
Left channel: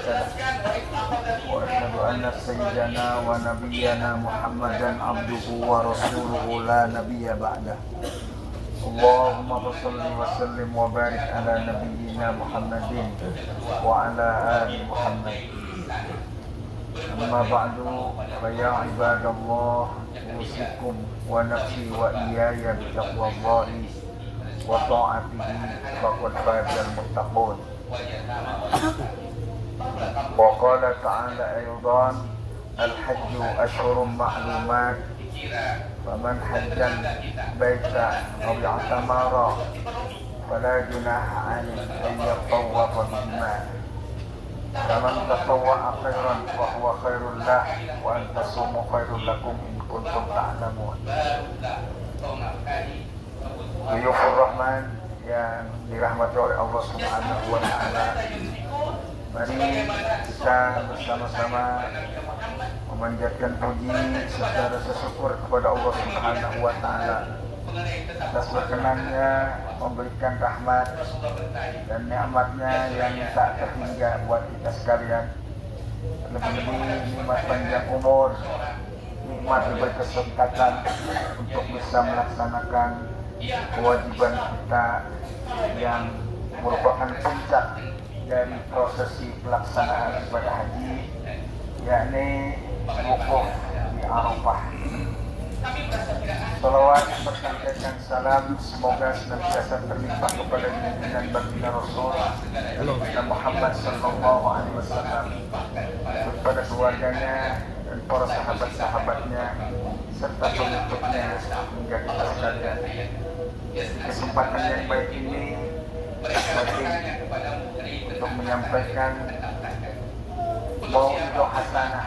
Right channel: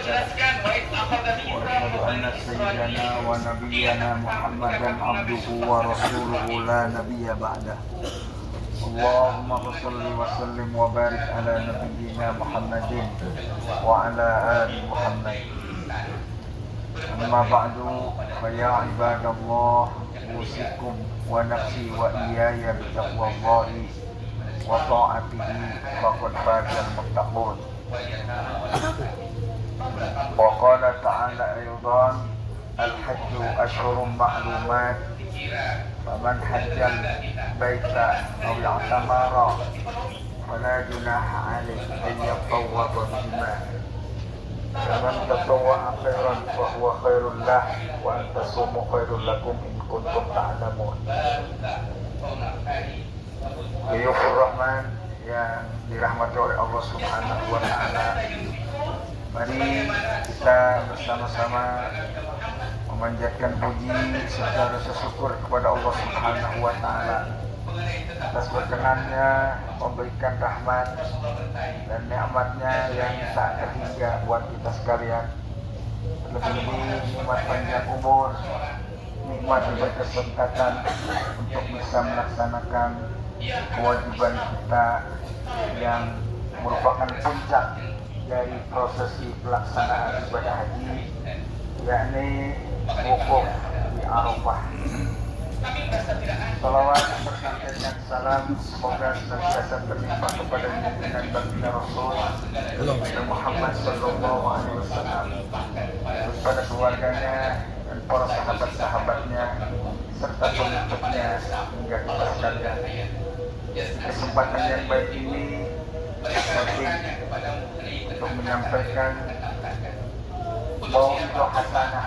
syarika lahu wa asyhadu anna sayyidana wa nabiyyana Muhammadan abduhu wa rasuluhu la nabiyya ba'dahu. Allahumma shalli wa sallim wa barik ala nabiyyina Muhammadin wa ala ali Muhammad. Amma ba'du, fa ya ibadallah, usikum wa nafsi wa iyaya bi taqwallahi wa ta'atihi faqad fazal muttaqun. Wa qala ta'ala aydan, al-hajju ashhurun ma'lumat, faman hajjal baita aw i'tamara fala junaha alayhi an yatawwafa bihima. Faman tatawwa'a khairan fa huwa khairul lah wa an tasumu khairul lakum in kuntum ta'lamun. Duyufur Rahman yang dirahmati oleh Allah Subhanahu wa taala, mari kita bersama-sama memanjatkan puji serta rasa syukur kepada Allah Subhanahu wa taala atas berkenannya memberikan rahmat dan nikmatnya yang tak terhingga buat kita sekalian. Lebih-lebih nikmat panjang umur, nikmat berkesempatan untuk bisa melaksanakan kewajiban kita yang merupakan puncak dari prosesi pelaksanaan ibadah haji, yakni wukuf di Arafah. Salawat berkaitan salam semoga senantiasa berlimpah kepada junjungan baginda Rasul Nabi Muhammad sallallahu alaihi wasallam, kepada keluarganya dan para sahabat-sahabatnya serta pengikutnya hingga kita sekalian. Kesempatan yang baik ini penting untuk menyampaikan mau'izah hasanah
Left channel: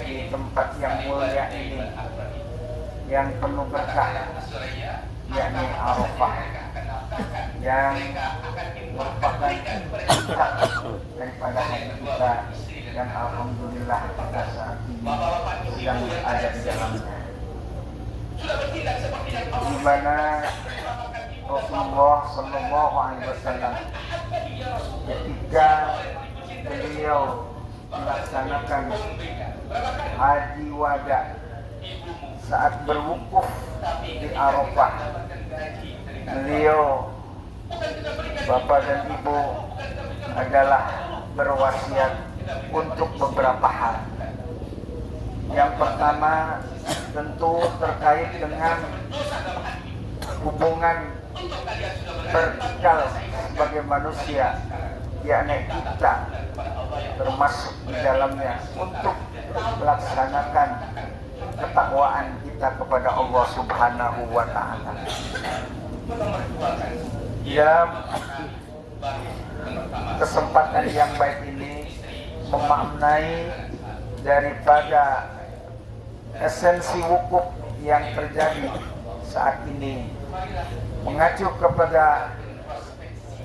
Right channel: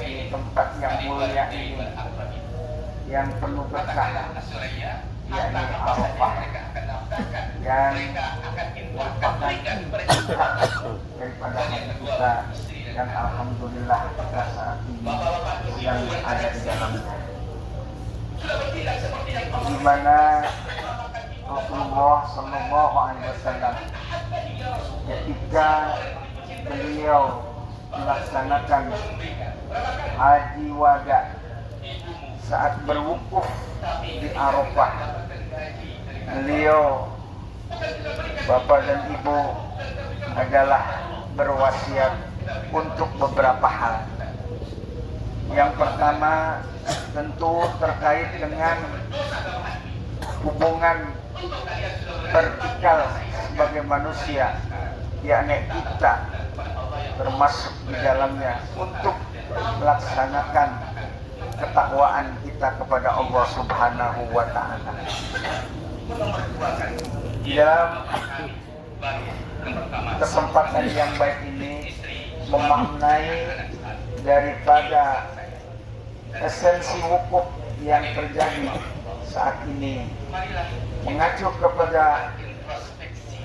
di tempat yang mulia ini, yang penuh berkah, yakni Arafah, yang merupakan puncak daripada haji kita, dan alhamdulillah kita saat ini sedang ada di dalamnya, di mana Rasulullah Shallallahu Alaihi Wasallam ketika beliau melaksanakan haji wada saat berwukuf di Arafah, beliau, bapak dan ibu, adalah berwasiat untuk beberapa hal. Yang pertama tentu terkait dengan hubungan vertikal sebagai manusia, yakni kita termasuk di dalamnya, untuk melaksanakan ketakwaan kita kepada Allah Subhanahu wa Ta'ala. Dalam kesempatan yang baik ini memaknai daripada esensi wukuf yang terjadi saat ini, mengacu kepada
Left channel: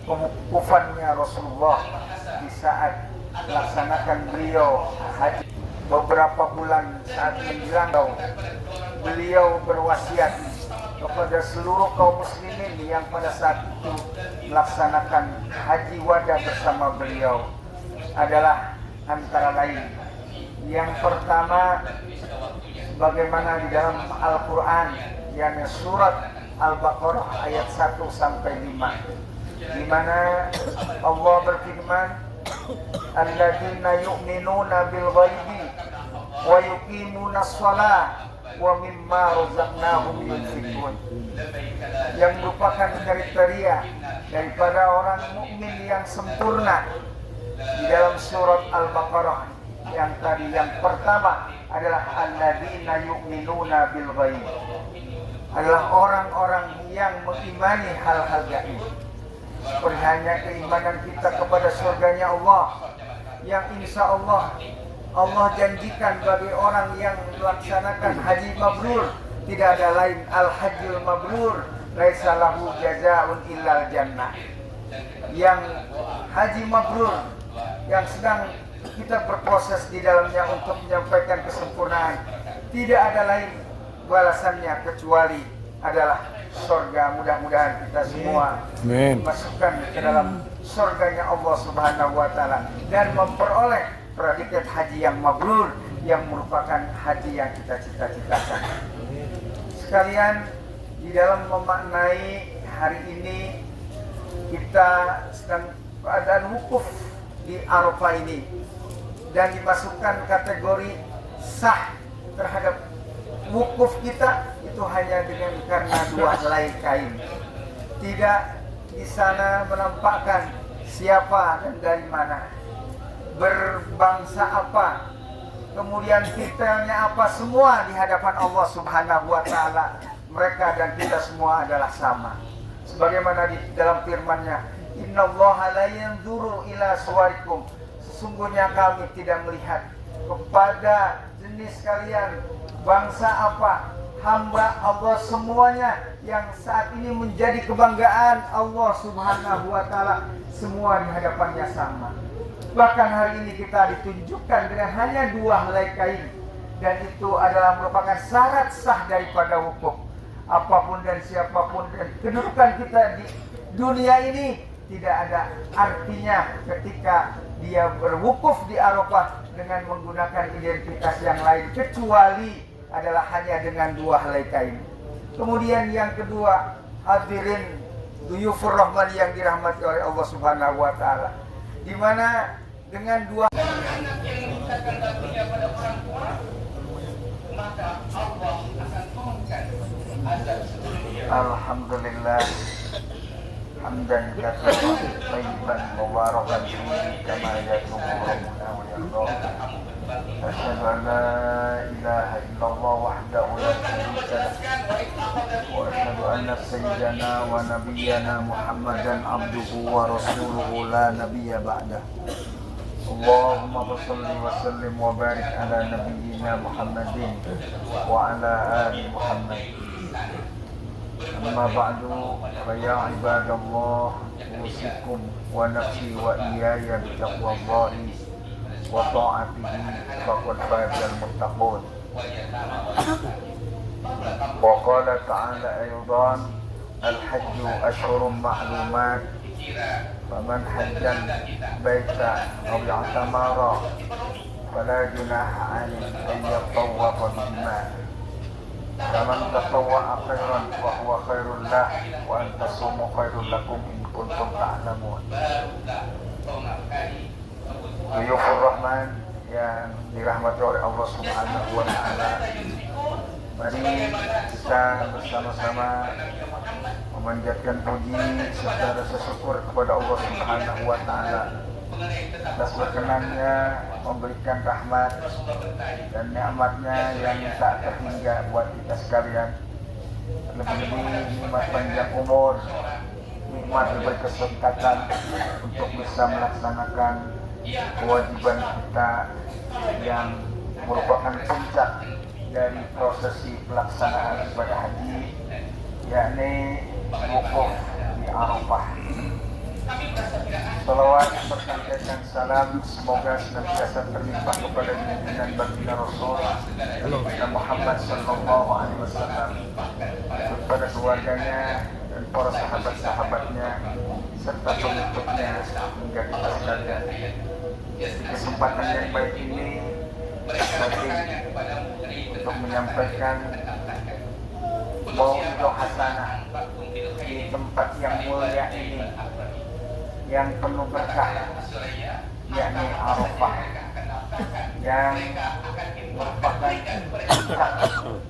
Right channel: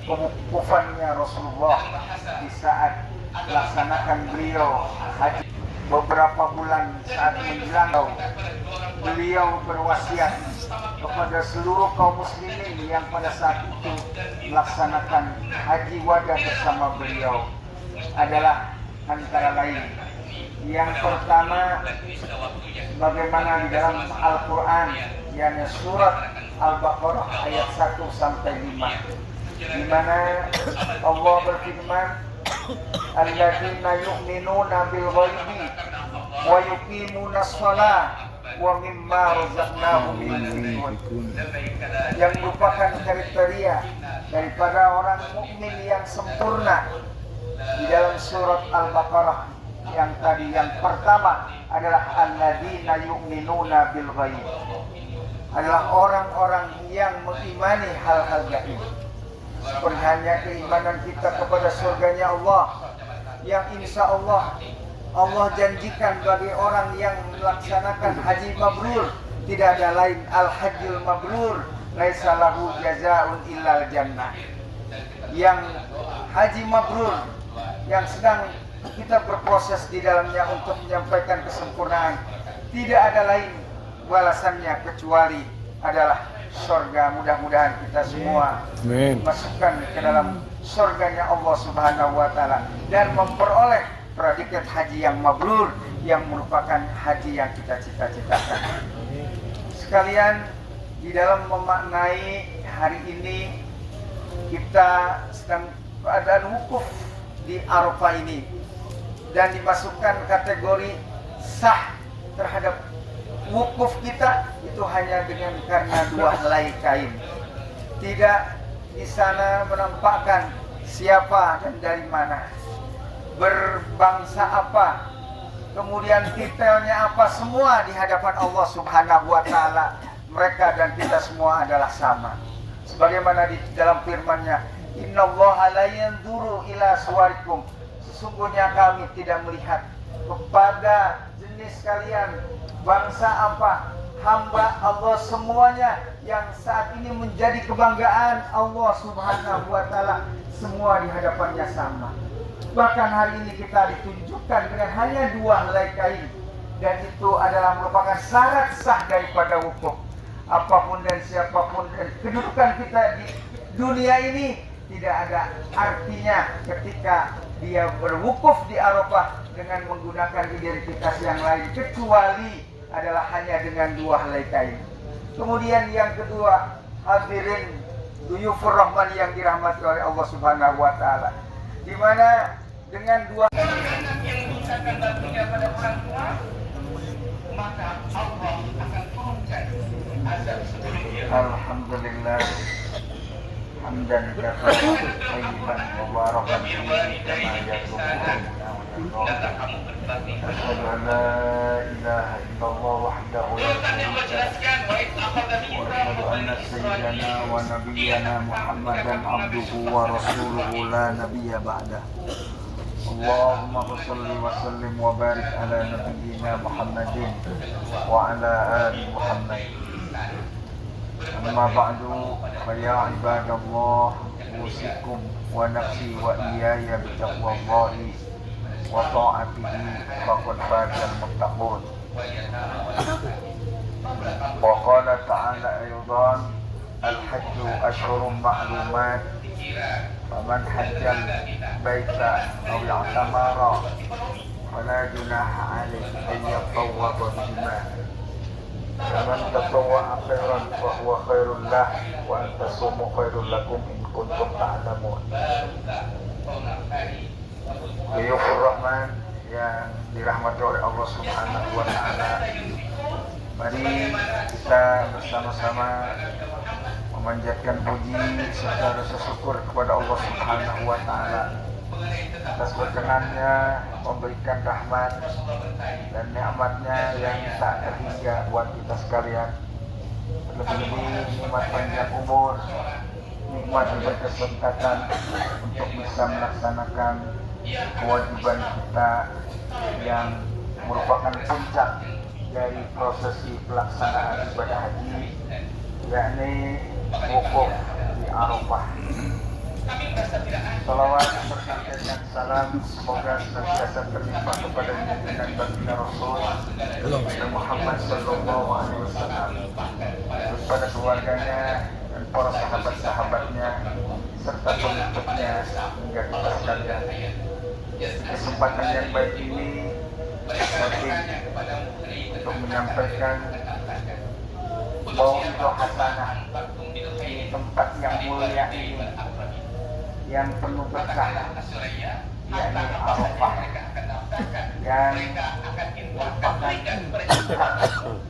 kewukufannya Rasulullah di saat melaksanakan beliau haji. Beberapa bulan saat menjelang, beliau berwasiat kepada seluruh kaum muslimin yang pada saat itu melaksanakan haji wada bersama beliau adalah antara lain, yang pertama, bagaimana di dalam Al-Quran, yakni surat Al-Baqarah ayat 1 sampai 5, di mana Allah berfirman, alladzina yu'minuna bil ghaibi wa yuqimuna shalah wa mimma razaqnahum yunfiqun, yang merupakan kriteria daripada orang mukmin yang sempurna di dalam surat Al-Baqarah. Yang tadi, yang pertama adalah alladzina yu'minuna bil ghaib, adalah orang-orang yang mengimani hal-hal gaib, seperti hanya keimanan kita kepada surganya Allah, yang insya Allah janjikan bagi orang yang melaksanakan haji mabrur, tidak ada lain, al-hajjul mabrur laisa lahu jazaa'un illal jannah. Yang haji mabrur yang sedang kita berproses di dalamnya untuk menyampaikan kesempurnaan, tidak ada lain balasannya kecuali adalah surga. Mudah-mudahan kita semua dimasukkan ke dalam surganya Allah Subhanahu wa Ta'ala dan memperoleh predikat haji yang mabrur, yang merupakan haji yang kita cita-citakan. Sekalian, di dalam memaknai hari ini kita sedang keadaan wukuf di Arafah ini, dan dimasukkan kategori sah terhadap wukuf kita itu hanya dengan karena dua helai kain. Tidak di sana menampakkan siapa dan dari mana, berbangsa apa, kemudian titelnya apa, semua di hadapan Allah Subhanahu wa Ta'ala mereka dan kita semua adalah sama. Sebagaimana di dalam firman-Nya, innallaha la yanzuru ila suwarikum, sesungguhnya kami tidak melihat kepada jenis kalian, bangsa apa, hamba Allah semuanya yang saat ini menjadi kebanggaan Allah Subhanahu wa Ta'ala, semua di hadapannya sama. Bahkan hari ini kita ditunjukkan dengan hanya dua helai kain, dan itu adalah merupakan syarat sah daripada wukuf. Apapun dan siapapun dan kedudukan kita di dunia ini tidak ada artinya ketika dia berwukuf di Arafah dengan menggunakan identitas yang lain, kecuali adalah hanya dengan dua helai kain. Kemudian yang kedua, hadirin duyufur rahman yang dirahmati oleh Allah Subhanahu wa Ta'ala, di mana dengan dua anak yang menyisakan baktinya pada orang tua, maka Allah akan turunkan azab seluruhnya. Alhamdulillah hamdan katsiran thayyiban mubarakan fihi kama yatubu asyhadu an la ilaha illallah wahdahu la syarika lahu wa asyhadu anna sayyidana wa nabiyyana Muhammadan abduhu wa rasuluhu la nabiyya ba'dah. Allahumma shalli wa sallim wa barik ala nabiyyina Muhammadin wa ala ali Muhammad. أما بعد فيا عباد الله أوصيكم ونفسي وإياي بتقوى الله وطاعته فقد فاز المتقون. وقال تعالى أيضا الحج أشهر معلومات فمن حج البيت أو اعتمر فلا جناح عليه أن يطوف بهما فمن تطوع خيرا فهو خير له وأن تصوموا خير لكم إن كنتم تعلمون. Biyufur Rahman yang dirahmati oleh Allah Subhanahu wa Ta'ala, mari kita bersama-sama memanjatkan puji serta rasa syukur kepada Allah Subhanahu wa Ta'ala atas berkenannya memberikan rahmat dan nikmatnya yang tak terhingga buat kita sekalian. Lebih-lebih nikmat panjang umur, nikmat berkesempatan untuk bisa melaksanakan kewajiban kita yang merupakan puncak dari prosesi pelaksanaan ibadah haji, yakni wukuf di Arafah. Salawat berkaitan salam semoga senantiasa terlimpah kepada junjungan baginda Rasul Muhammad sallallahu alaihi wasallam, kepada keluarganya dan para sahabat-sahabatnya serta pengikutnya hingga kita sekalian. Kesempatan yang baik ini penting untuk menyampaikan mau'izah hasanah di tempat yang mulia ini yang penuh berkah, yakni Arafah, yang merupakan puncak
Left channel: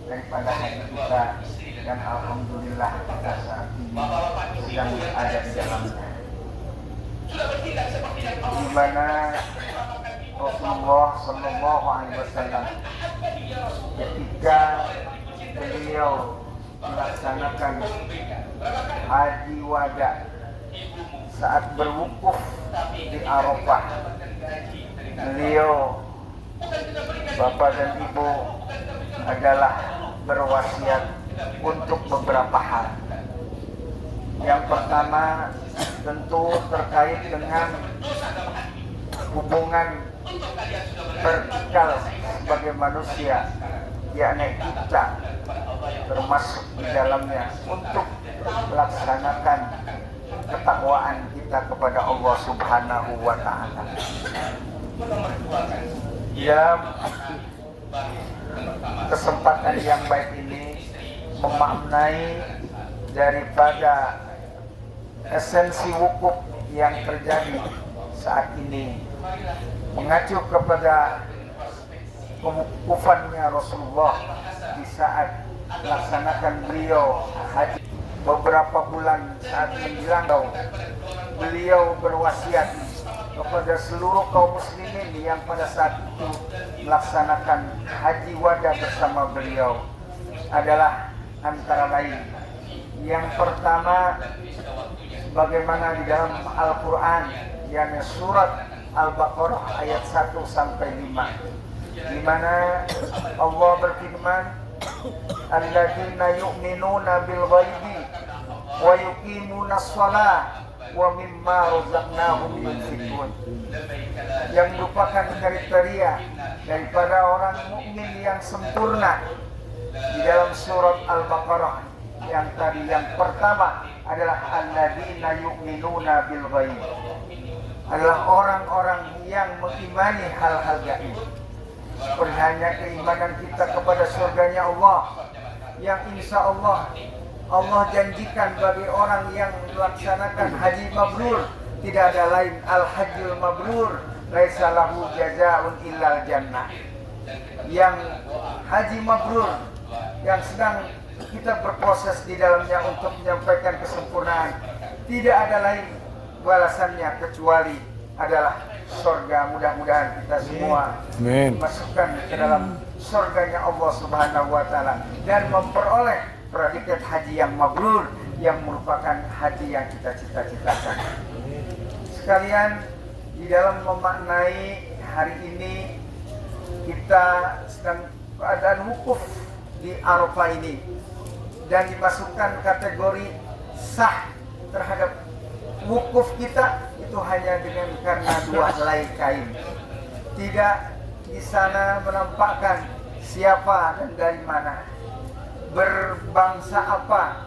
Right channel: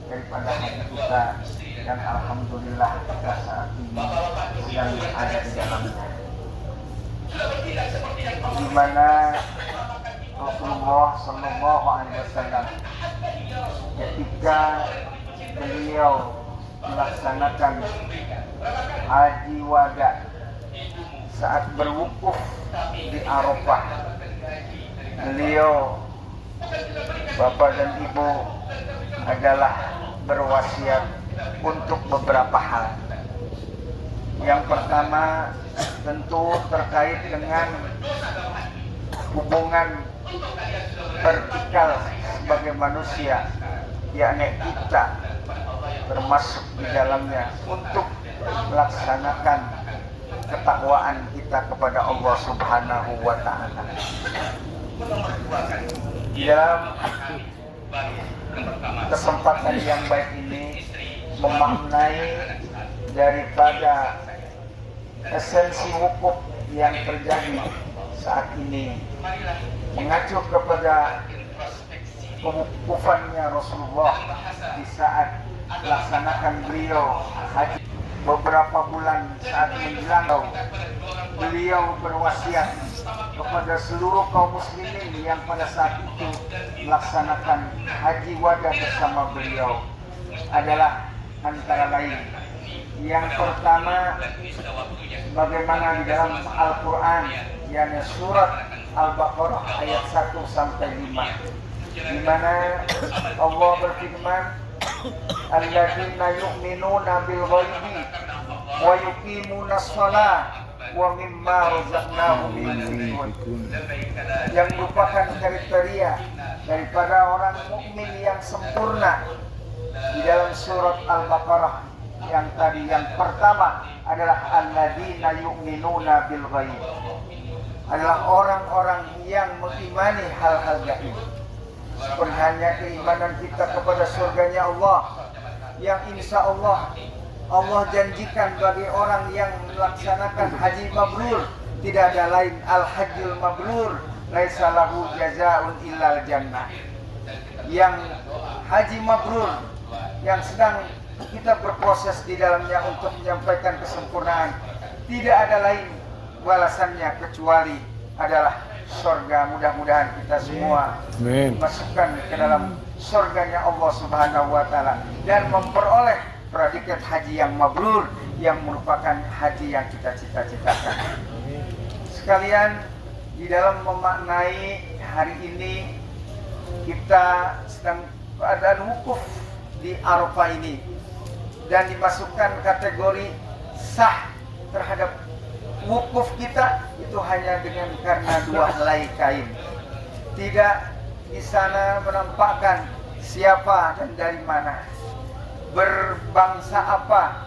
daripada haji kita, dan alhamdulillah kita saat ini sedang ada di dalamnya, di mana Rasulullah Sallallahu Alaihi Wasallam ketika beliau melaksanakan haji wada saat berwukuf di Arafah, beliau bapak dan ibu adalah berwasiat untuk beberapa hal. Yang pertama tentu terkait dengan hubungan vertikal sebagai manusia, yakni kita termasuk di dalamnya untuk melaksanakan ketakwaan kita kepada Allah Subhanahu wa Ta'ala. Kesempatan yang baik ini memaknai daripada esensi wukuf yang terjadi saat ini, mengacu kepada kewukufannya Rasulullah di saat melaksanakan beliau haji. Beberapa bulan saat menjelang, beliau berwasiat kepada seluruh kaum muslimin yang pada saat itu melaksanakan haji wada bersama beliau adalah antara lain, yang pertama bagaimana di dalam Al-Quran, yakni surat Al-Baqarah ayat 1 sampai 5, di mana Allah berfirman, alladzina yu'minuna bil ghaibi wa yuqimuna shalah wa mimma razaqnahum yunfiqun, yang merupakan kriteria daripada orang mukmin yang sempurna di dalam surat Al-Baqarah yang tadi. Yang pertama adalah alladzina yu'minuna bil ghaib, adalah orang-orang yang mengimani hal-hal gaib, seperti hanya keimanan kita kepada surganya Allah, yang insya Allah janjikan bagi orang yang melaksanakan haji mabrur, tidak ada lain al-hajjul mabrur laisa lahu jazaa'un illal jannah. Yang haji mabrur yang sedang kita berproses di dalamnya untuk menyampaikan kesempurnaan, tidak ada lain balasannya kecuali adalah surga. Mudah-mudahan kita semua dimasukkan ke dalam surganya Allah Subhanahu wa Ta'ala dan memperoleh predikat haji yang mabrur, yang merupakan haji yang kita cita-citakan. Sekalian, di dalam memaknai hari ini kita sedang keadaan wukuf di Arafah ini, dan dimasukkan kategori sah terhadap wukuf kita itu hanya dengan karena dua helai kain. Tidak di sana menampakkan siapa dan dari mana, berbangsa apa,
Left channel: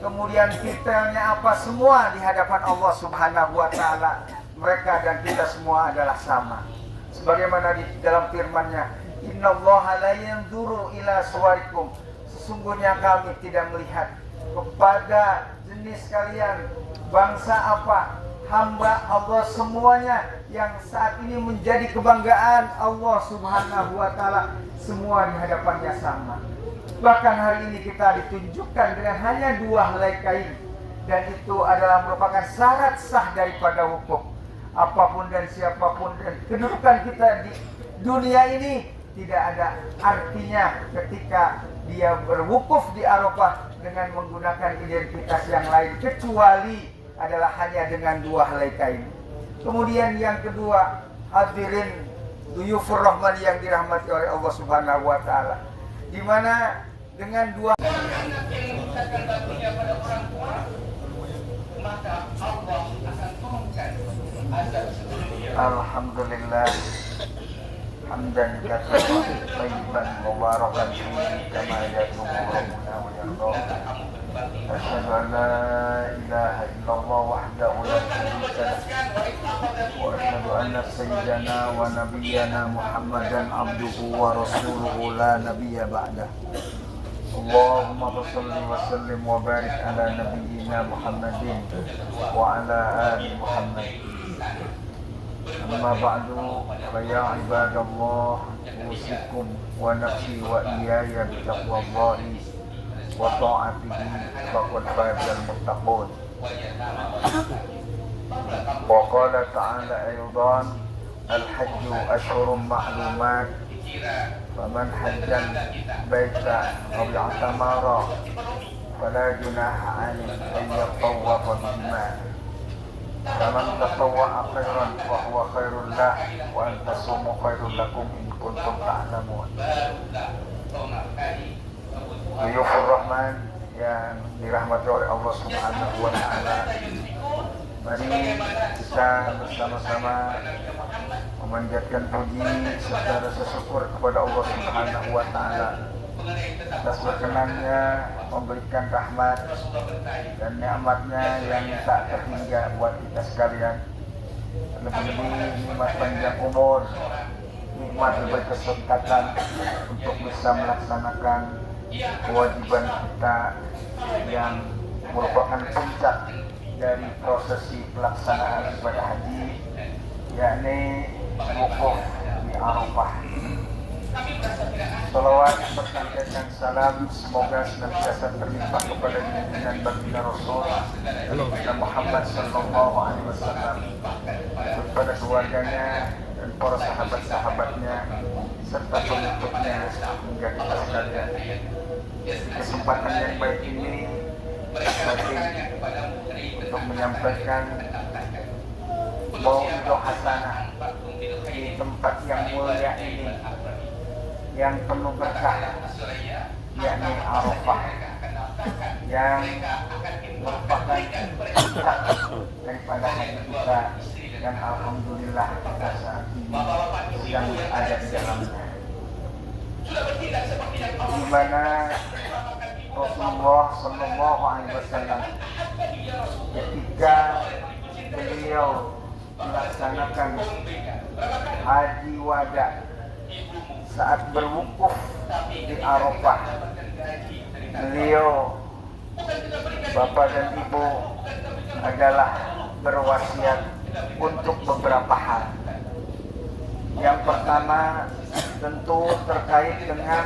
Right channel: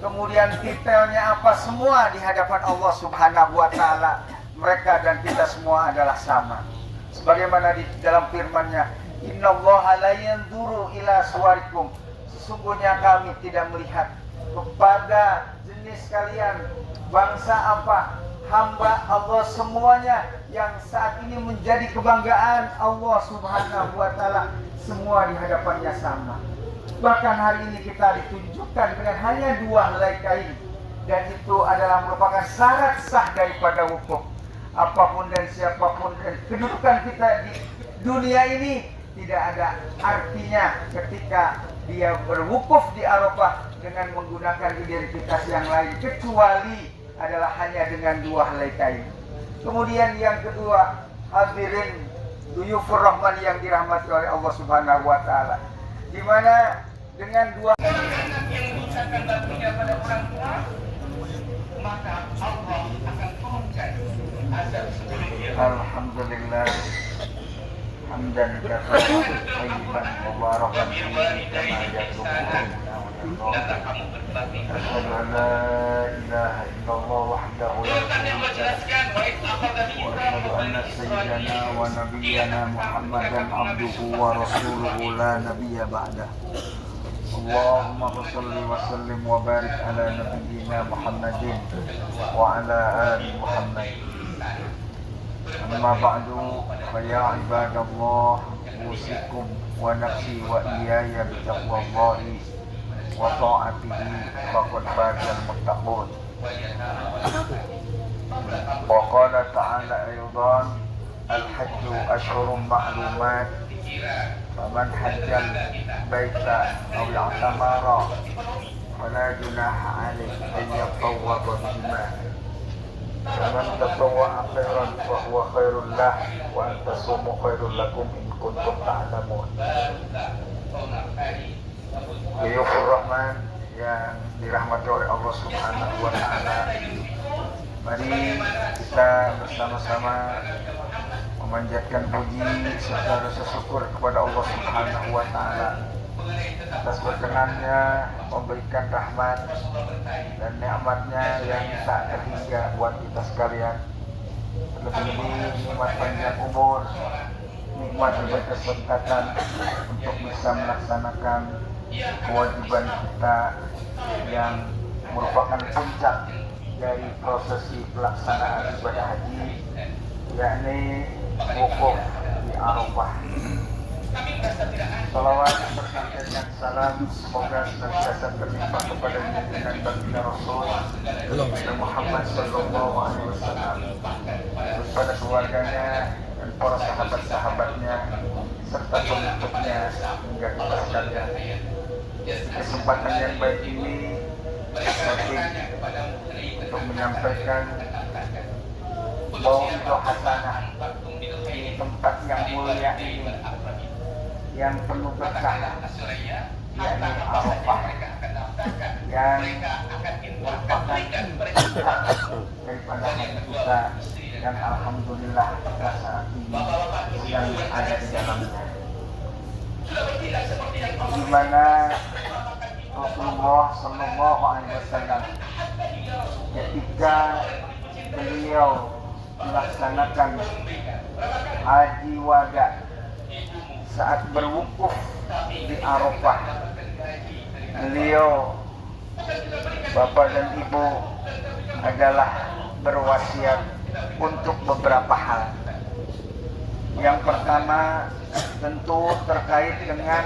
kemudian titelnya apa, semua di hadapan Allah Subhanahu wa taala mereka dan kita semua adalah sama. Sebagaimana di dalam firman-Nya, "Innallaha la yanzuru ila suwarikum." Sesungguhnya kami tidak melihat kepada jenis kalian, bangsa apa, hamba Allah semuanya yang saat ini menjadi kebanggaan Allah Subhanahu wa taala, semua di hadapannya sama. Bahkan hari ini kita ditunjukkan dengan hanya dua helai kain, dan itu adalah merupakan syarat sah daripada wukuf. Apapun dan siapapun dan kedudukan kita di dunia ini tidak ada artinya ketika dia berwukuf di Arafah dengan menggunakan identitas yang lain kecuali adalah hanya dengan dua helai kain. Kemudian yang kedua, hadirin duyufur rahman yang dirahmati oleh Allah Subhanahu wa taala, di mana dengan dua anak yang mengucapkan baktinya pada orang tua, maka Allah akan turunkan azab seluruhnya. Alhamdulillah hamdan katsiran thayyiban mubarakan fihi kama yatubbuna wa yarda. Asyhadu an la ilaha illallah wahdahu la syarika lahu wa asyhadu anna sayyidana wa nabiyyana Muhammadan abduhu wa rasuluhu la nabiyya ba'dahu. Allahumma shalli wa sallim wa barik ala nabiyyina Muhammadin wa ala ali Muhammad. Amma ba'du, fa ya ibadallah, usikum wa nafsi wa iyaya bitaqwallahi wa ta'atihi faqad fazal muttaqun. Wa qala ta'ala aydan, al-hajju ashhurun ma'lumat, faman hajjal baita aw i'tamara fala junaha alayhi an yatawwafa bihima. Faman tatawwa'a khairan fa huwa khairul lah wa an tasumu khairul lakum in kuntum ta'lamun. Duyufur Rahman yang dirahmati oleh Allah Subhanahu wa taala, mari kita bersama-sama memanjatkan puji serta rasa syukur kepada Allah Subhanahu wa taala atas berkenannya memberikan rahmat dan nikmatnya yang tak terhingga buat kita sekalian. Lebih-lebih nikmat panjang umur, nikmat berkesempatan untuk bisa melaksanakan kewajiban kita yang merupakan puncak dari prosesi pelaksanaan ibadah haji, yakni wukuf di Arafah. Salawat berkaitan salam semoga senantiasa berlimpah kepada junjungan baginda Rasul Muhammad sallallahu alaihi wasallam, kepada keluarganya dan para sahabat-sahabatnya serta pengikutnya hingga kita sekalian. Kesempatan yang baik ini untuk menyampaikan mau'izah hasanah di tempat yang mulia ini, yang penuh berkah, yakni Arafah, yang merupakan puncak daripada haji kita, dan alhamdulillah kita saat ini sedang ada di dalamnya, di mana Rasulullah Sallallahu Alaihi Wasallam ketika beliau melaksanakan haji wada saat berwukuf di Arafah, beliau, bapak dan ibu, adalah berwasiat untuk beberapa hal. Yang pertama tentu terkait dengan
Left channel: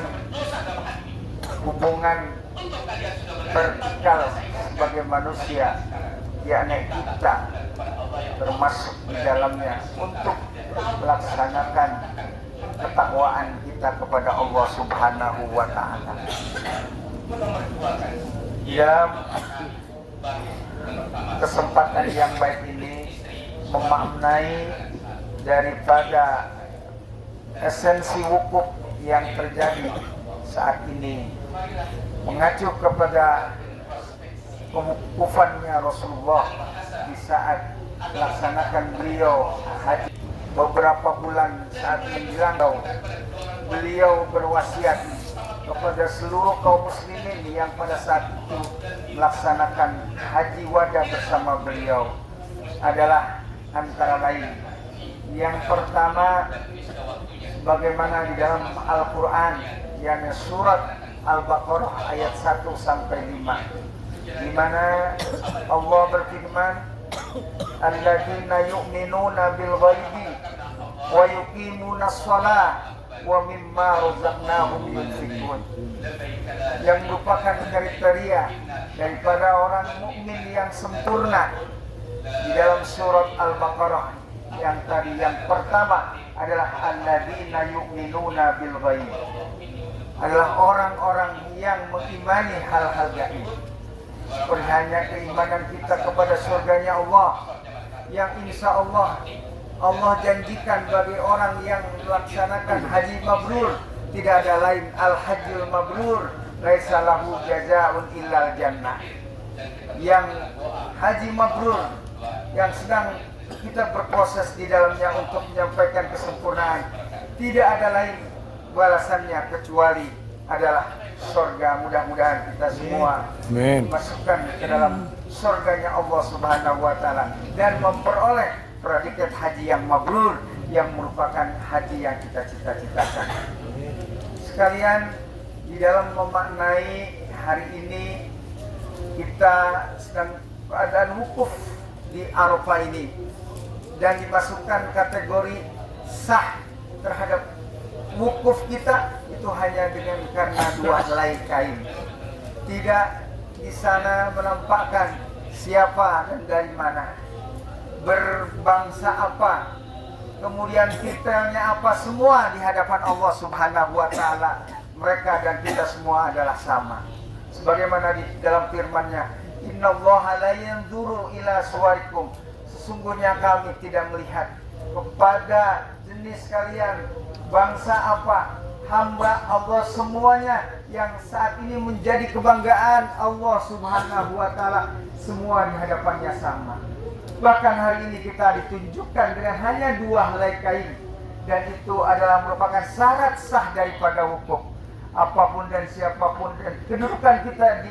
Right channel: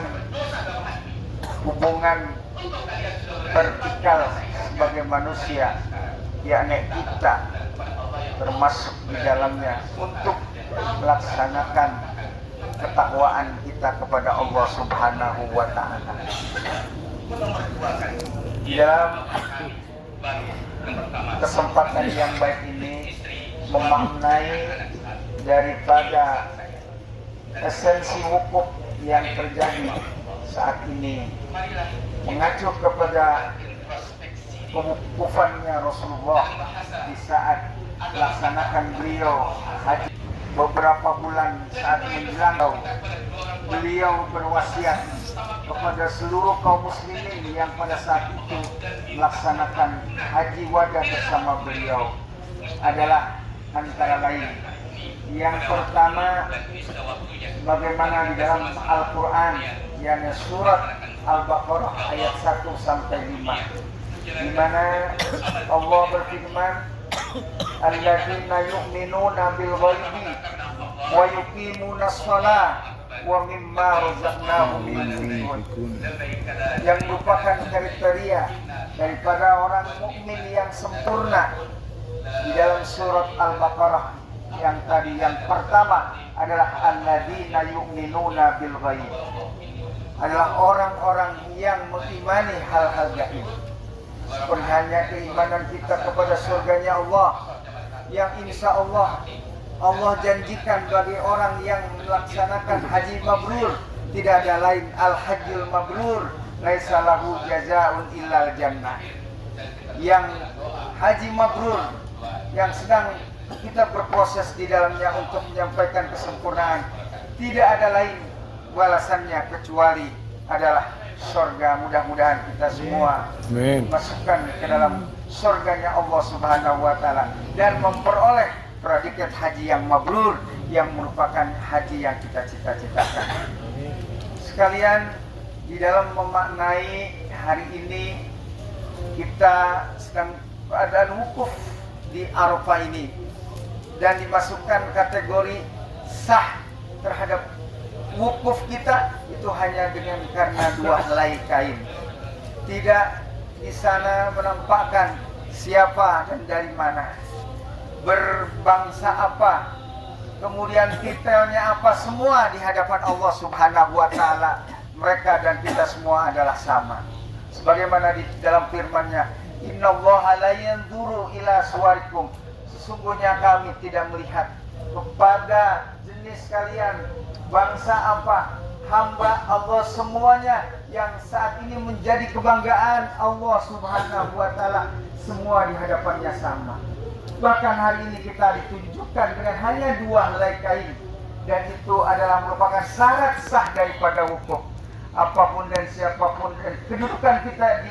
hubungan vertikal sebagai manusia, yakni kita termasuk di dalamnya untuk melaksanakan ketakwaan kita kepada Allah Subhanahu wa taala. Dalam kesempatan yang baik ini memaknai daripada esensi wukuf yang terjadi saat ini mengacu kepada kewukufannya Rasulullah di saat melaksanakan beliau haji. Beberapa bulan saat menjelang beliau berwasiat kepada seluruh kaum muslimin yang pada saat itu melaksanakan haji wada bersama beliau adalah antara lain yang pertama, bagaimana di dalam Al-Quran yang surat Al-Baqarah ayat 1 sampai 5, di mana Allah berfirman, alladzina yu'minuna bil ghaibi wa yuqimuna shalah wa mimma razaqnahum yunfiqun, yang merupakan kriteria daripada orang mukmin yang sempurna di dalam surat Al-Baqarah yang tadi. Yang pertama adalah alladzina yu'minuna bil ghaib, adalah orang-orang yang mengimani hal-hal gaib. Seperti hanya keimanan kita kepada surganya Allah, yang insya Allah janjikan bagi orang yang melaksanakan haji mabrur, tidak ada lain al-hajjul mabrur laisa lahu jazaa'un illal jannah. Yang haji mabrur yang sedang kita berproses di dalamnya untuk menyampaikan kesempurnaan, tidak ada lain balasannya kecuali adalah surga. Mudah-mudahan kita semua masukkan ke dalam surganya Allah Subhanahu wa taala dan memperoleh predikat haji yang mabrur, yang merupakan haji yang kita cita-citakan. Sekalian, di dalam memaknai hari ini kita sedang keadaan wukuf di Arafah ini dan dimasukkan kategori sah terhadap wukuf kita itu hanya dengan karena 2 helai kain. Tidak di sana menampakkan siapa dan dari mana, berbangsa apa, kemudian titelnya apa, semua di hadapan Allah Subhanahu wa taala mereka dan kita semua adalah sama. Sebagaimana di dalam firman-Nya, innallaha la yanzuru ila suwarikum, sesungguhnya kami tidak melihat kepada jenis kalian, bangsa apa, hamba Allah semuanya yang saat ini menjadi kebanggaan Allah Subhanahu wa taala, semua di hadapannya sama. Bahkan hari ini kita ditunjukkan dengan hanya 2 helai kain, dan itu adalah merupakan syarat sah daripada wukuf. Apapun dan siapapun dan kedudukan kita di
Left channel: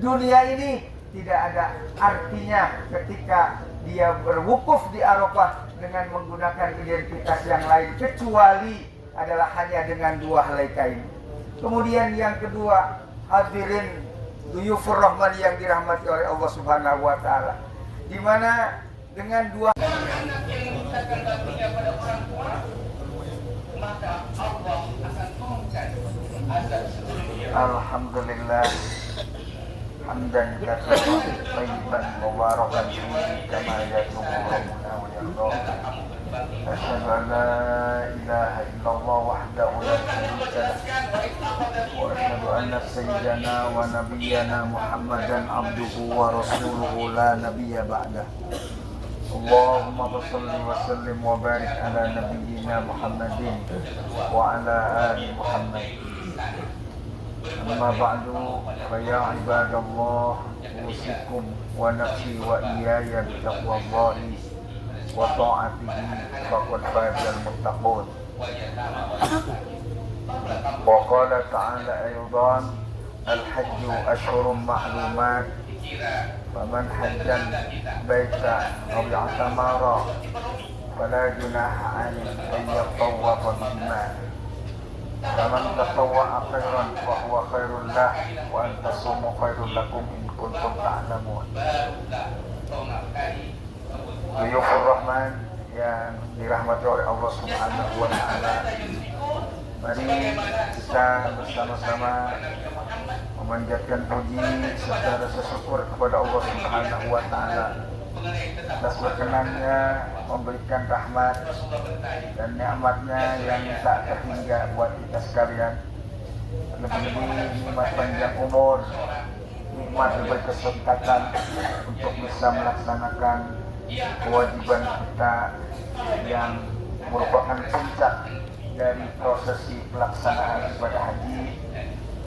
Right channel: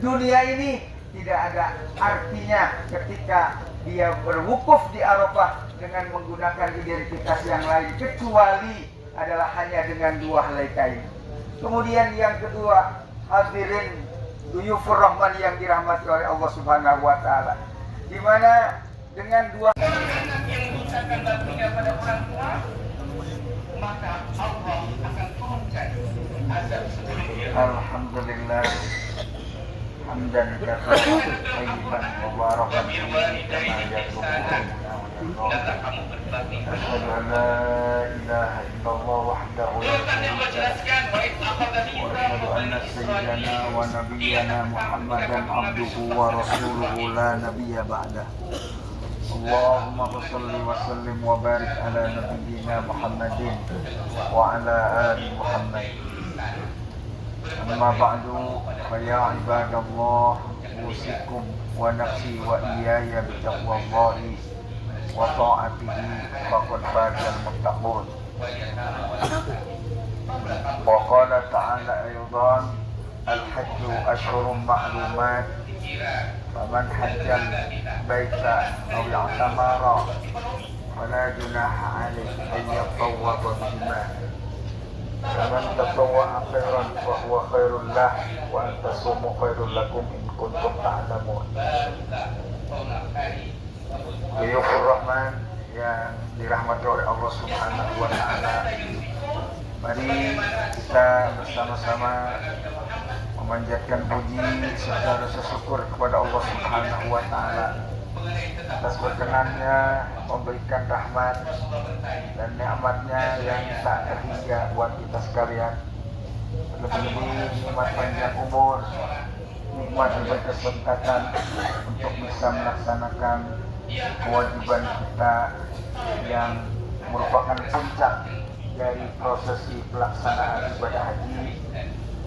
dunia ini tidak ada artinya ketika dia berwukuf di Arafah dengan menggunakan identitas yang lain kecuali adalah hanya dengan 2 helai kain. Kemudian yang kedua, hadirin duyufur rahman yang dirahmati oleh Allah Subhanahu wa taala, di mana dengan 2 anak yang mengucapkan baktinya pada orang tua, maka Allah akan turunkan azab seluruhnya. Alhamdulillah hamdan katsiran thayyiban mubarakan fihi kama yatubu asyhadu an la ilaha illallah wahdahu la syarika lahu wa asyhadu anna sayyidana wa nabiyyana Muhammadan abduhu wa rasuluhu la nabiyya ba'dah. Allahumma shalli wa sallim wa barik ala nabiyyina Muhammadin wa ala ali Muhammad. Amma ba'du, fa ya ibadallah, usikum wa nafsi wa iyaya bi taqwallahi wa ta'atihi faqad fazal muttaqun. Wa qala ta'ala aydan, al-hajju ashhurun ma'lumat, faman hajjal baita aw i'tamara fala junaha 'alaihi an yatawwafa bihima. Faman tatawwa'a khairan fa huwa khairul lah wa an tasumu khairul lakum in kuntum ta'lamun. Duyufur Rahman yang dirahmati oleh Allah Subhanahu wa taala, mari kita bersama-sama memanjatkan puji serta rasa syukur kepada Allah Subhanahu wa taala atas berkenannya memberikan rahmat dan nikmatnya yang tak terhingga buat kita sekalian. Lebih-lebih nikmat panjang umur, nikmat berkesempatan untuk bisa melaksanakan kewajiban kita yang merupakan puncak dari prosesi pelaksanaan ibadah haji,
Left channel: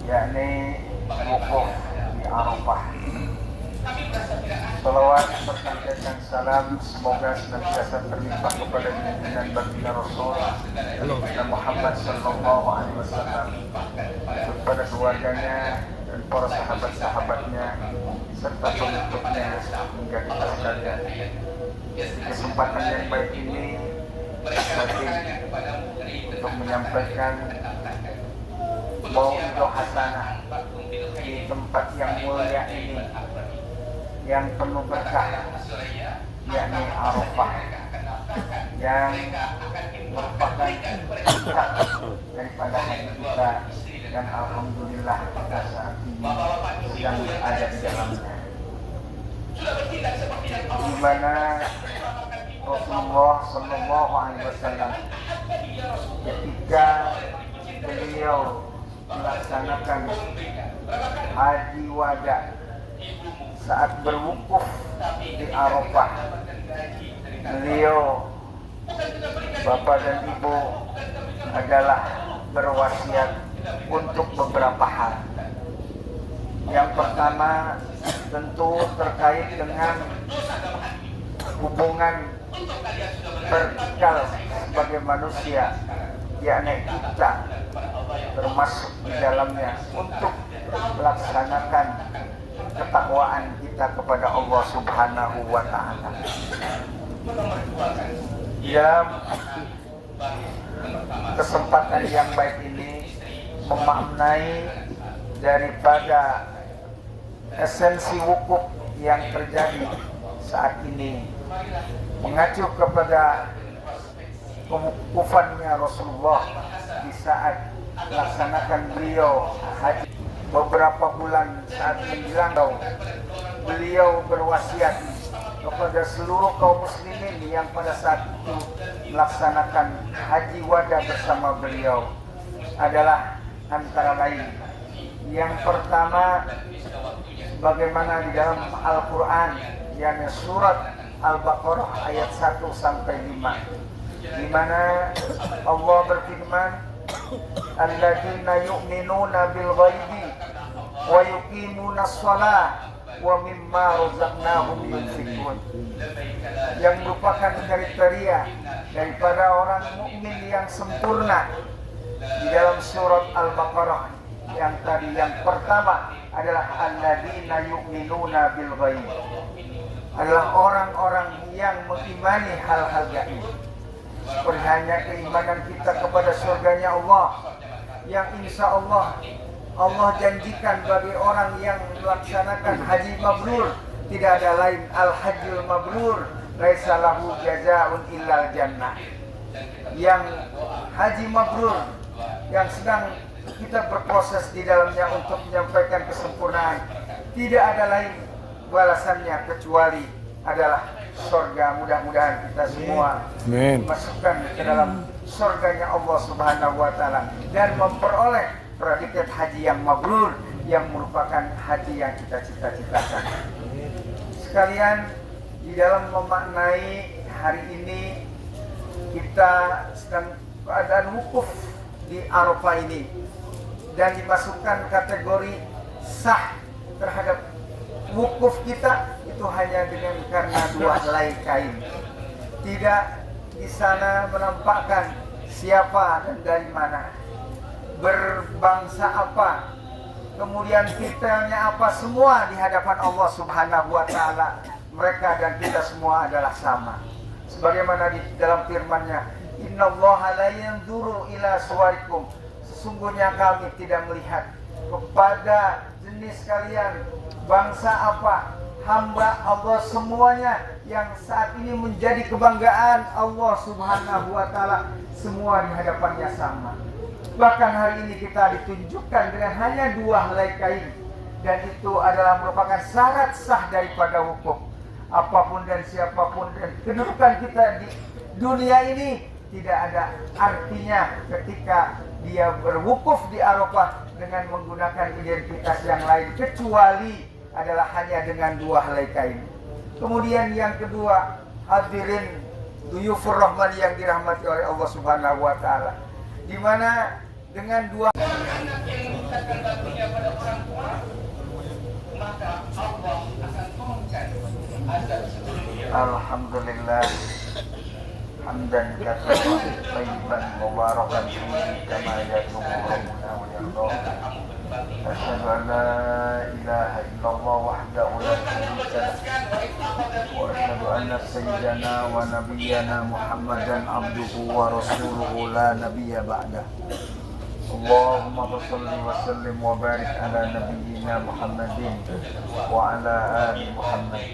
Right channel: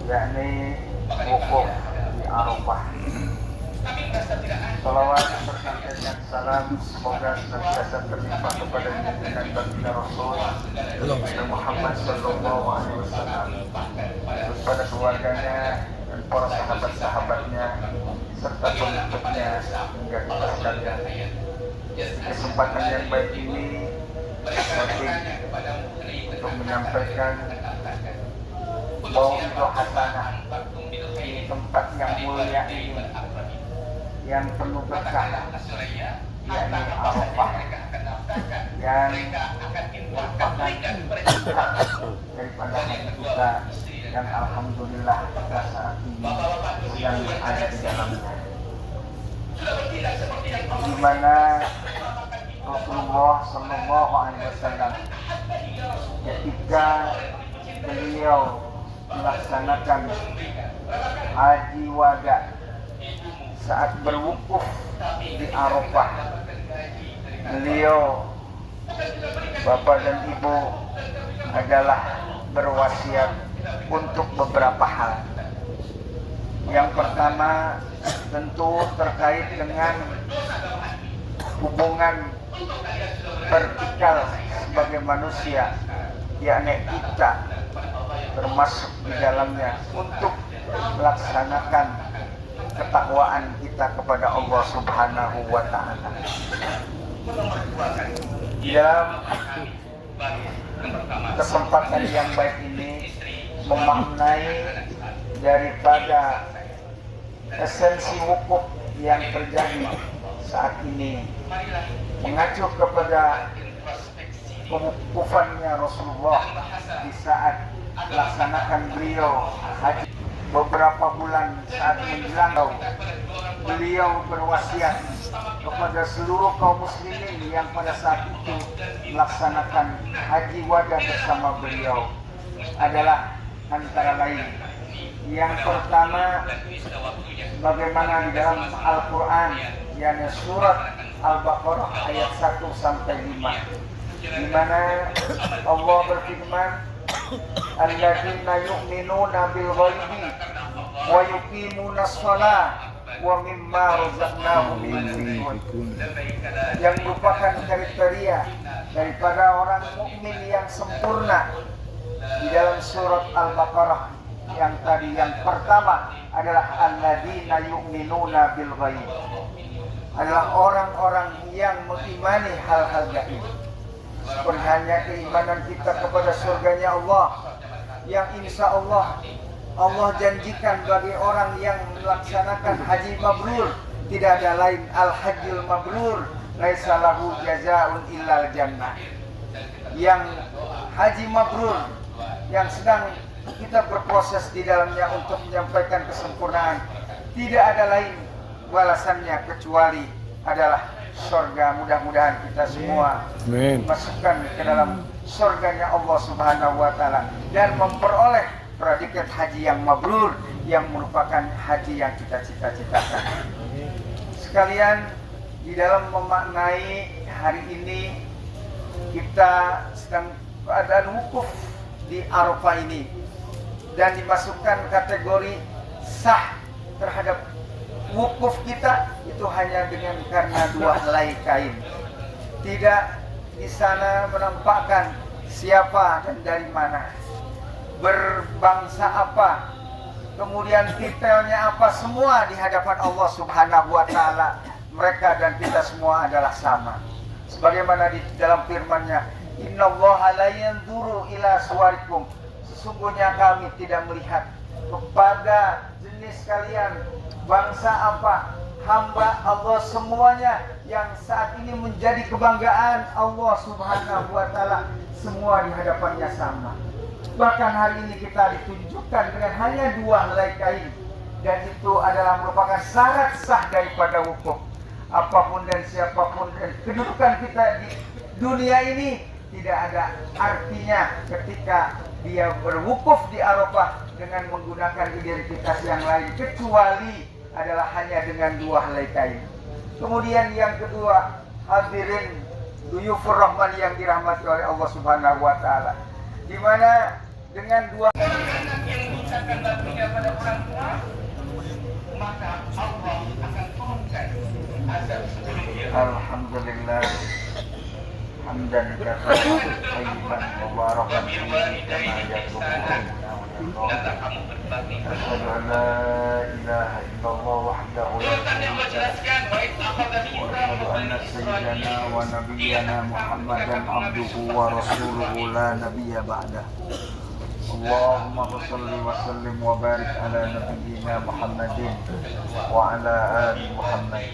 yakni wukuf di Arafah. Salawat berkaitan dan salam semoga senantiasa berlimpah kepada junjungan baginda Rasul Muhammad sallallahu alaihi wasallam, kepada keluarganya dan para sahabat-sahabatnya serta pengikutnya hingga kita sekalian. Kesempatan yang baik ini penting untuk menyampaikan bahwa untuk hasanah di tempat yang mulia ini yang penuh berkah, yakni Arafah, yang merupakan puncak daripada haji kita, dan alhamdulillah kita saat ini sedang ada di dalamnya, di mana Rasulullah Sallallahu Alaihi Wasallam ketika beliau melaksanakan haji wada saat berwukuf di Arafah, beliau bapak dan ibu adalah berwasiat untuk beberapa hal. Yang pertama tentu terkait dengan hubungan vertikal sebagai manusia, yakni kita termasuk di dalamnya untuk melaksanakan ketakwaan kita kepada Allah Subhanahu wa Ta'ala. Kesempatan yang baik ini memaknai daripada esensi wukuf yang terjadi saat ini, mengacu kepada pewukufannya Rasulullah di saat melaksanakan beliau haji. Beberapa bulan saat menjelang, beliau berwasiat kepada seluruh kaum muslimin yang pada saat itu melaksanakan haji wada bersama beliau adalah antara lain, yang pertama, bagaimana di dalam Al-Quran, yakni surat Al-Baqarah ayat 1 sampai 5, di mana Allah berfirman, alladzina yu'minuna bil ghaibi wa yuqimuna shalah wa mimma razaqnahum yunfiqun, yang merupakan kriteria daripada orang mukmin yang sempurna di dalam surat Al-Baqarah yang tadi. Yang pertama adalah alladzina yu'minuna bil ghaib, adalah orang-orang yang mengimani hal-hal gaib. Seperti hanya keimanan kita kepada surganya Allah, yang insya Allah janjikan bagi orang yang melaksanakan haji mabrur, tidak ada lain al-hajjul mabrur laisa lahu jazaa'un illal jannah. Yang haji mabrur yang sedang kita berproses di dalamnya untuk menyampaikan kesempurnaan, tidak ada lain balasannya kecuali adalah surga. Mudah-mudahan kita semua dimasukkan ke dalam surganya Allah Subhanahu wa Ta'ala dan memperoleh predikat haji yang mabrur, yang merupakan haji yang kita cita-citakan. Sekalian, di dalam memaknai hari ini kita sedang keadaan wukuf di Arafah ini dan dimasukkan kategori sah terhadap wukuf kita itu hanya dengan karena dua helai kain. Tidak di sana menampakkan siapa dan dari mana, berbangsa apa, kemudian titelnya apa, semua di hadapan Allah Subhanahu wa Ta'ala mereka dan kita semua adalah sama. Sebagaimana di dalam firman-Nya, innallaha la yanzuru ila suwarikum, sesungguhnya kami tidak melihat kepada jenis kalian, bangsa apa, hamba Allah semuanya yang saat ini menjadi kebanggaan Allah Subhanahu wa Ta'ala, semua di hadapannya sama. Bahkan hari ini kita ditunjukkan dengan hanya dua helai kain, dan itu adalah merupakan syarat sah daripada wukuf. Apapun dan siapapun dan kedudukan kita di dunia ini tidak ada artinya ketika dia berwukuf di Arafah dengan menggunakan identitas yang lain kecuali adalah hanya dengan dua helai kain. Kemudian yang kedua, hadirin duyufur rahman yang dirahmati oleh Allah Subhanahu wa Ta'ala, di mana dengan dua anak yang memintakan baktinya pada orang tua, maka Allah akan turunkan azab seluruhnya. Alhamdulillah hamdan katsiran thayyiban mubarakan fihi kama yatubu Asyhadu an la ilaha illallah wahdahu la syarika lahu wa asyhadu anna sayyidana wa nabiyyana Muhammadan abduhu wa rasuluhu la nabiyya ba'dah. Allahumma shalli wa sallim wa barik ala nabiyyina Muhammadin wa ala ali Muhammad.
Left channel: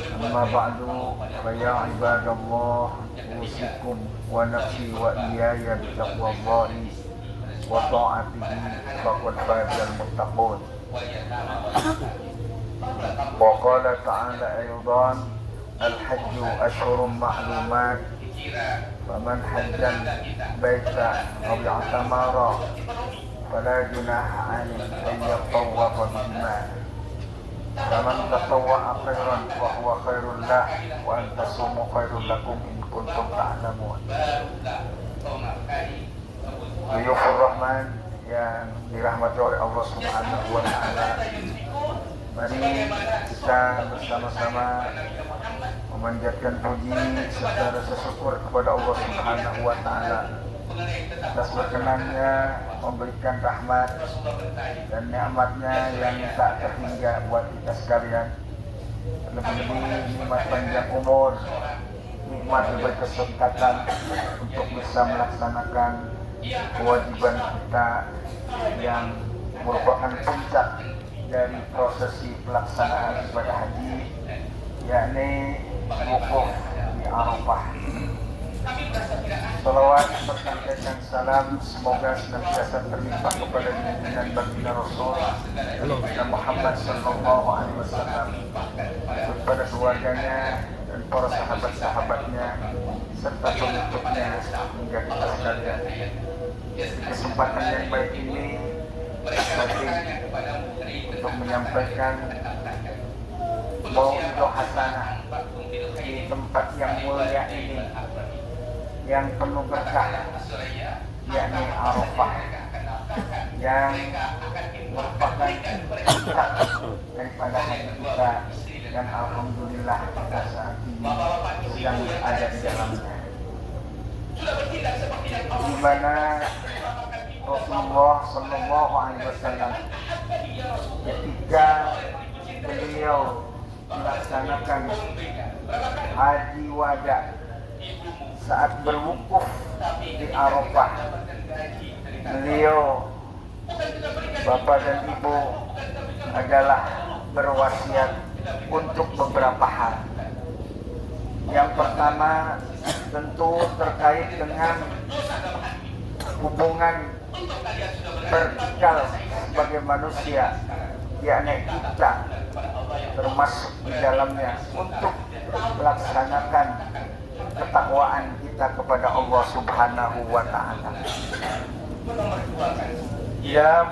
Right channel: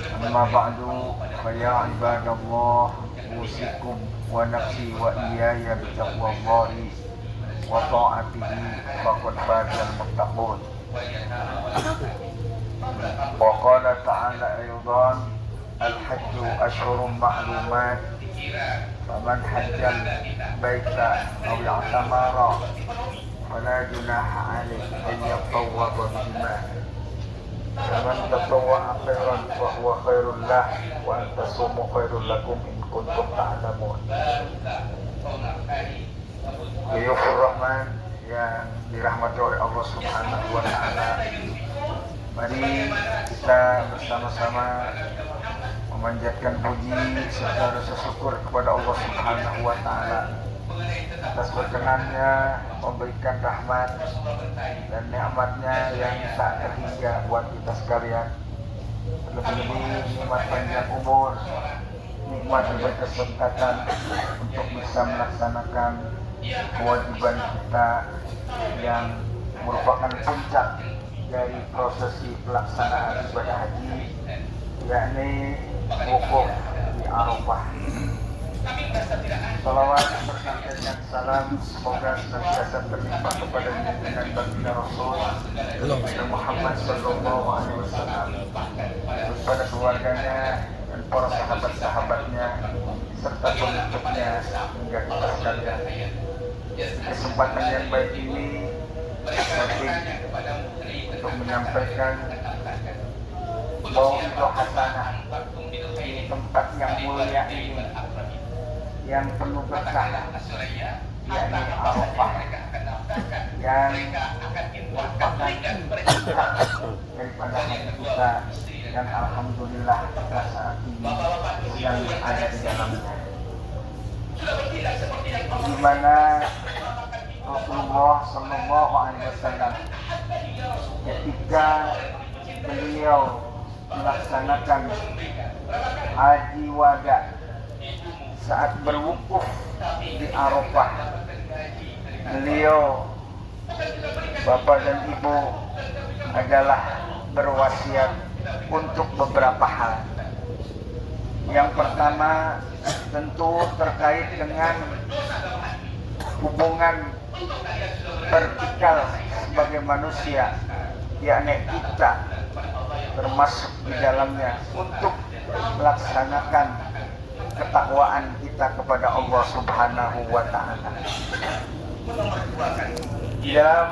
Amma ba'du fa ya ibadallah usikum wa nafsi wa iyaya bi taqwallahi wa ta'atihi faqad fazal muttaqun. Wa qala ta'ala aydan al-hajju ashhurun ma'lumat faman hajjal baita aw i'tamara fala junaha 'alaihi an yatawwafa bihima. Faman tatawwa'a khairan fa huwa khairul lah wa an tasumu khairul lakum in kuntum ta'lamun. Buyufur Rahman yang dirahmati oleh Allah Subhanahu wa Ta'ala, mari kita bersama-sama memanjatkan puji serta rasa syukur kepada Allah Subhanahu wa Ta'ala atas berkenannya memberikan rahmat dan nikmatnya yang tak terhingga buat kita sekalian. Lebih-lebih nikmat panjang umur, nikmat berkesempatan untuk bisa melaksanakan kewajiban kita yang merupakan puncak dari prosesi pelaksanaan ibadah haji, yakni wukuf di Arafah. Salawat berkaitan salam semoga senantiasa berlimpah kepada junjungan baginda Rasul Muhammad sallallahu alaihi wasallam, kepada keluarganya dan para sahabat-sahabatnya serta pengikutnya hingga kita sekalian. Kesempatan yang baik ini untuk menyampaikan mau'izah hasanah di tempat yang mulia ini yang penuh berkah, yakni Arafah, yang merupakan puncak daripada haji kita, dan alhamdulillah kita saat ini yang ada di dalamnya, di mana Rasulullah Sallallahu Alaihi Wasallam ketika beliau melaksanakan haji wada saat berwukuf di Arafah, beliau bapak dan ibu adalah berwasiat untuk beberapa hal. Yang pertama tentu terkait dengan hubungan vertikal sebagai manusia, yakni kita termasuk di dalamnya untuk melaksanakan ketakwaan kita kepada Allah Subhanahu wa Ta'ala. Dalam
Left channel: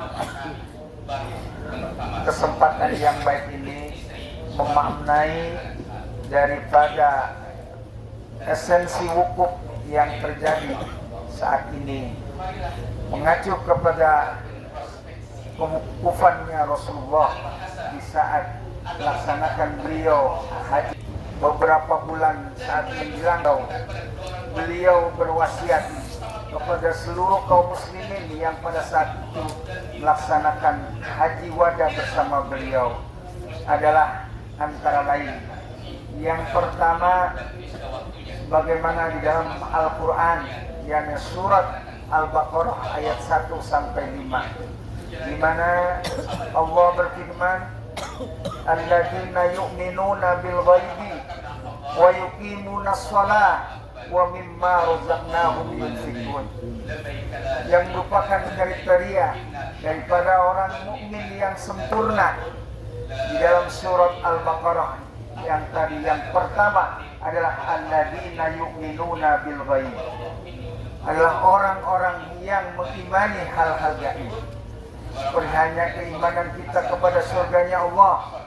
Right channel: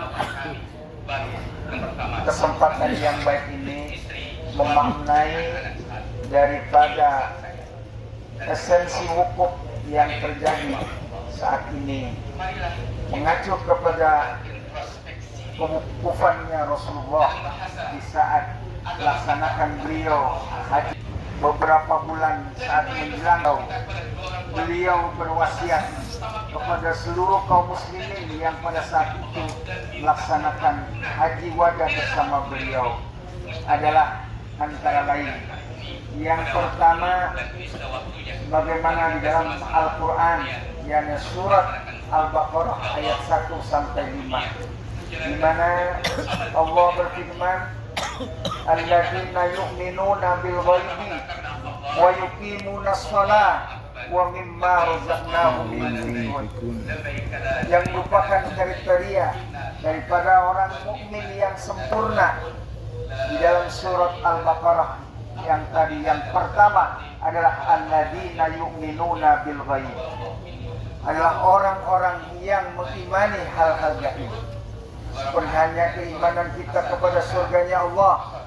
kesempatan yang baik ini memaknai daripada esensi wukuf yang terjadi saat ini, mengacu kepada kewukufannya Rasulullah di saat melaksanakan beliau haji. Beberapa bulan saat menjelang, beliau berwasiat kepada seluruh kaum muslimin yang pada saat itu melaksanakan haji wada bersama beliau adalah antara lain, yang pertama, bagaimana di dalam Al-Quran, yakni surat Al-Baqarah ayat 1 sampai 5, di mana Allah berfirman, alladzina yu'minuna bil ghaibi wa yuqimuna shalah wa mimma razaqnahum yunfiqun, yang merupakan kriteria daripada orang mukmin yang sempurna di dalam surat Al-Baqarah yang tadi. Yang pertama adalah alladzina yu'minuna bil ghaib, adalah orang-orang yang mengimani hal-hal gaib. Seperti hanya keimanan kita kepada surganya Allah,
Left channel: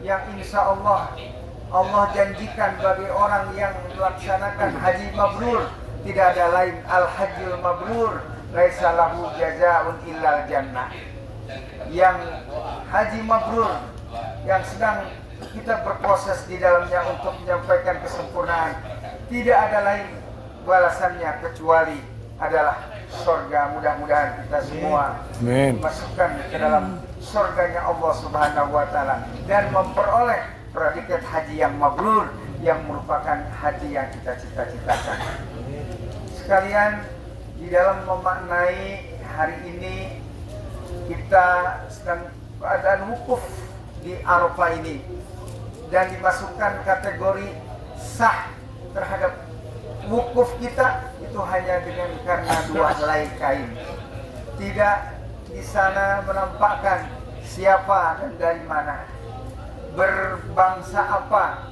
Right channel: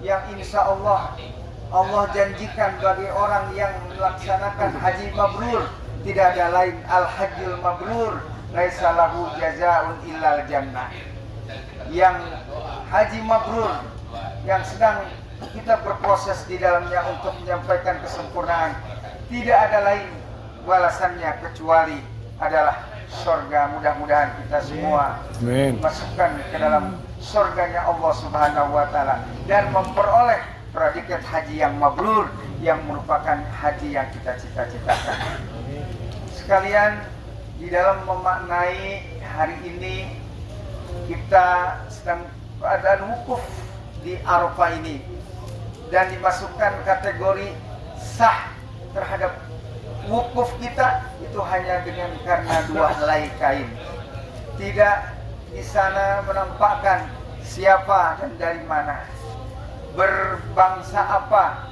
yang insya Allah janjikan bagi orang yang melaksanakan haji mabrur tidak ada lain al-hajjul mabrur laisa lahu jazaa'un illal jannah. Yang haji mabrur yang sedang kita berproses di dalamnya untuk menyampaikan kesempurnaan, tidak ada lain balasannya kecuali adalah surga. Mudah-mudahan kita semua masukkan ke dalam surganya Allah Subhanahu wa taala dan memperoleh predikat haji yang mabrur yang merupakan haji yang kita cita-citakan. Sekalian, di dalam memaknai hari ini kita sedang keadaan wukuf di Arafah ini dan dimasukkan kategori sah terhadap wukuf kita itu hanya dengan karena 2 helai kain. Tidak di sana menampakkan siapa dan dari mana, berbangsa apa,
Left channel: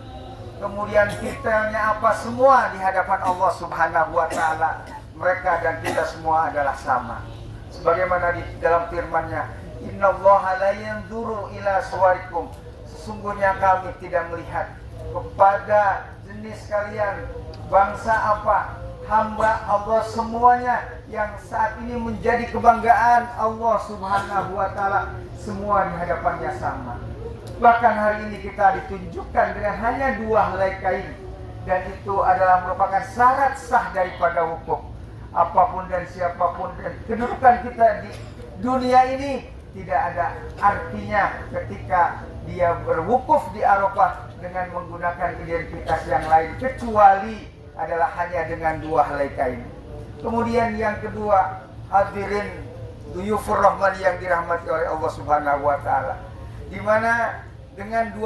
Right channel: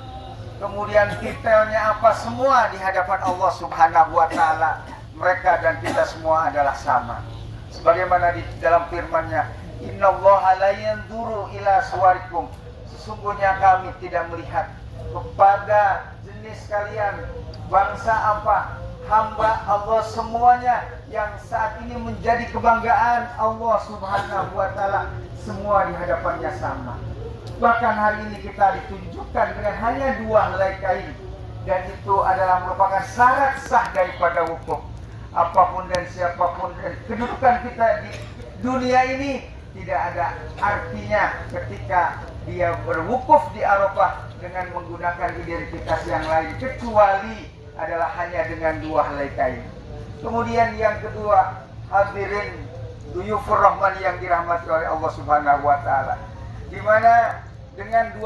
kemudian detailnya apa, semua di hadapan Allah Subhanahu wa taala mereka dan kita semua adalah sama. Sebagaimana di dalam firman-Nya, innallaha la yanzuru ila suwarikum, sesungguhnya kami tidak melihat kepada jenis kalian, bangsa apa, hamba Allah semuanya yang saat ini menjadi kebanggaan Allah Subhanahu wa taala, semua di hadapannya sama. Bahkan hari ini kita ditunjukkan dengan hanya 2 helai kain, dan itu adalah merupakan syarat sah daripada wukuf. Apapun dan siapapun dan kedudukan kita di dunia ini tidak ada artinya ketika dia berwukuf di Arafah dengan menggunakan identitas yang lain kecuali adalah hanya dengan 2 helai kain. Kemudian yang kedua, hadirin duyufur rahman yang dirahmati oleh Allah Subhanahu wa taala, di mana dengan 2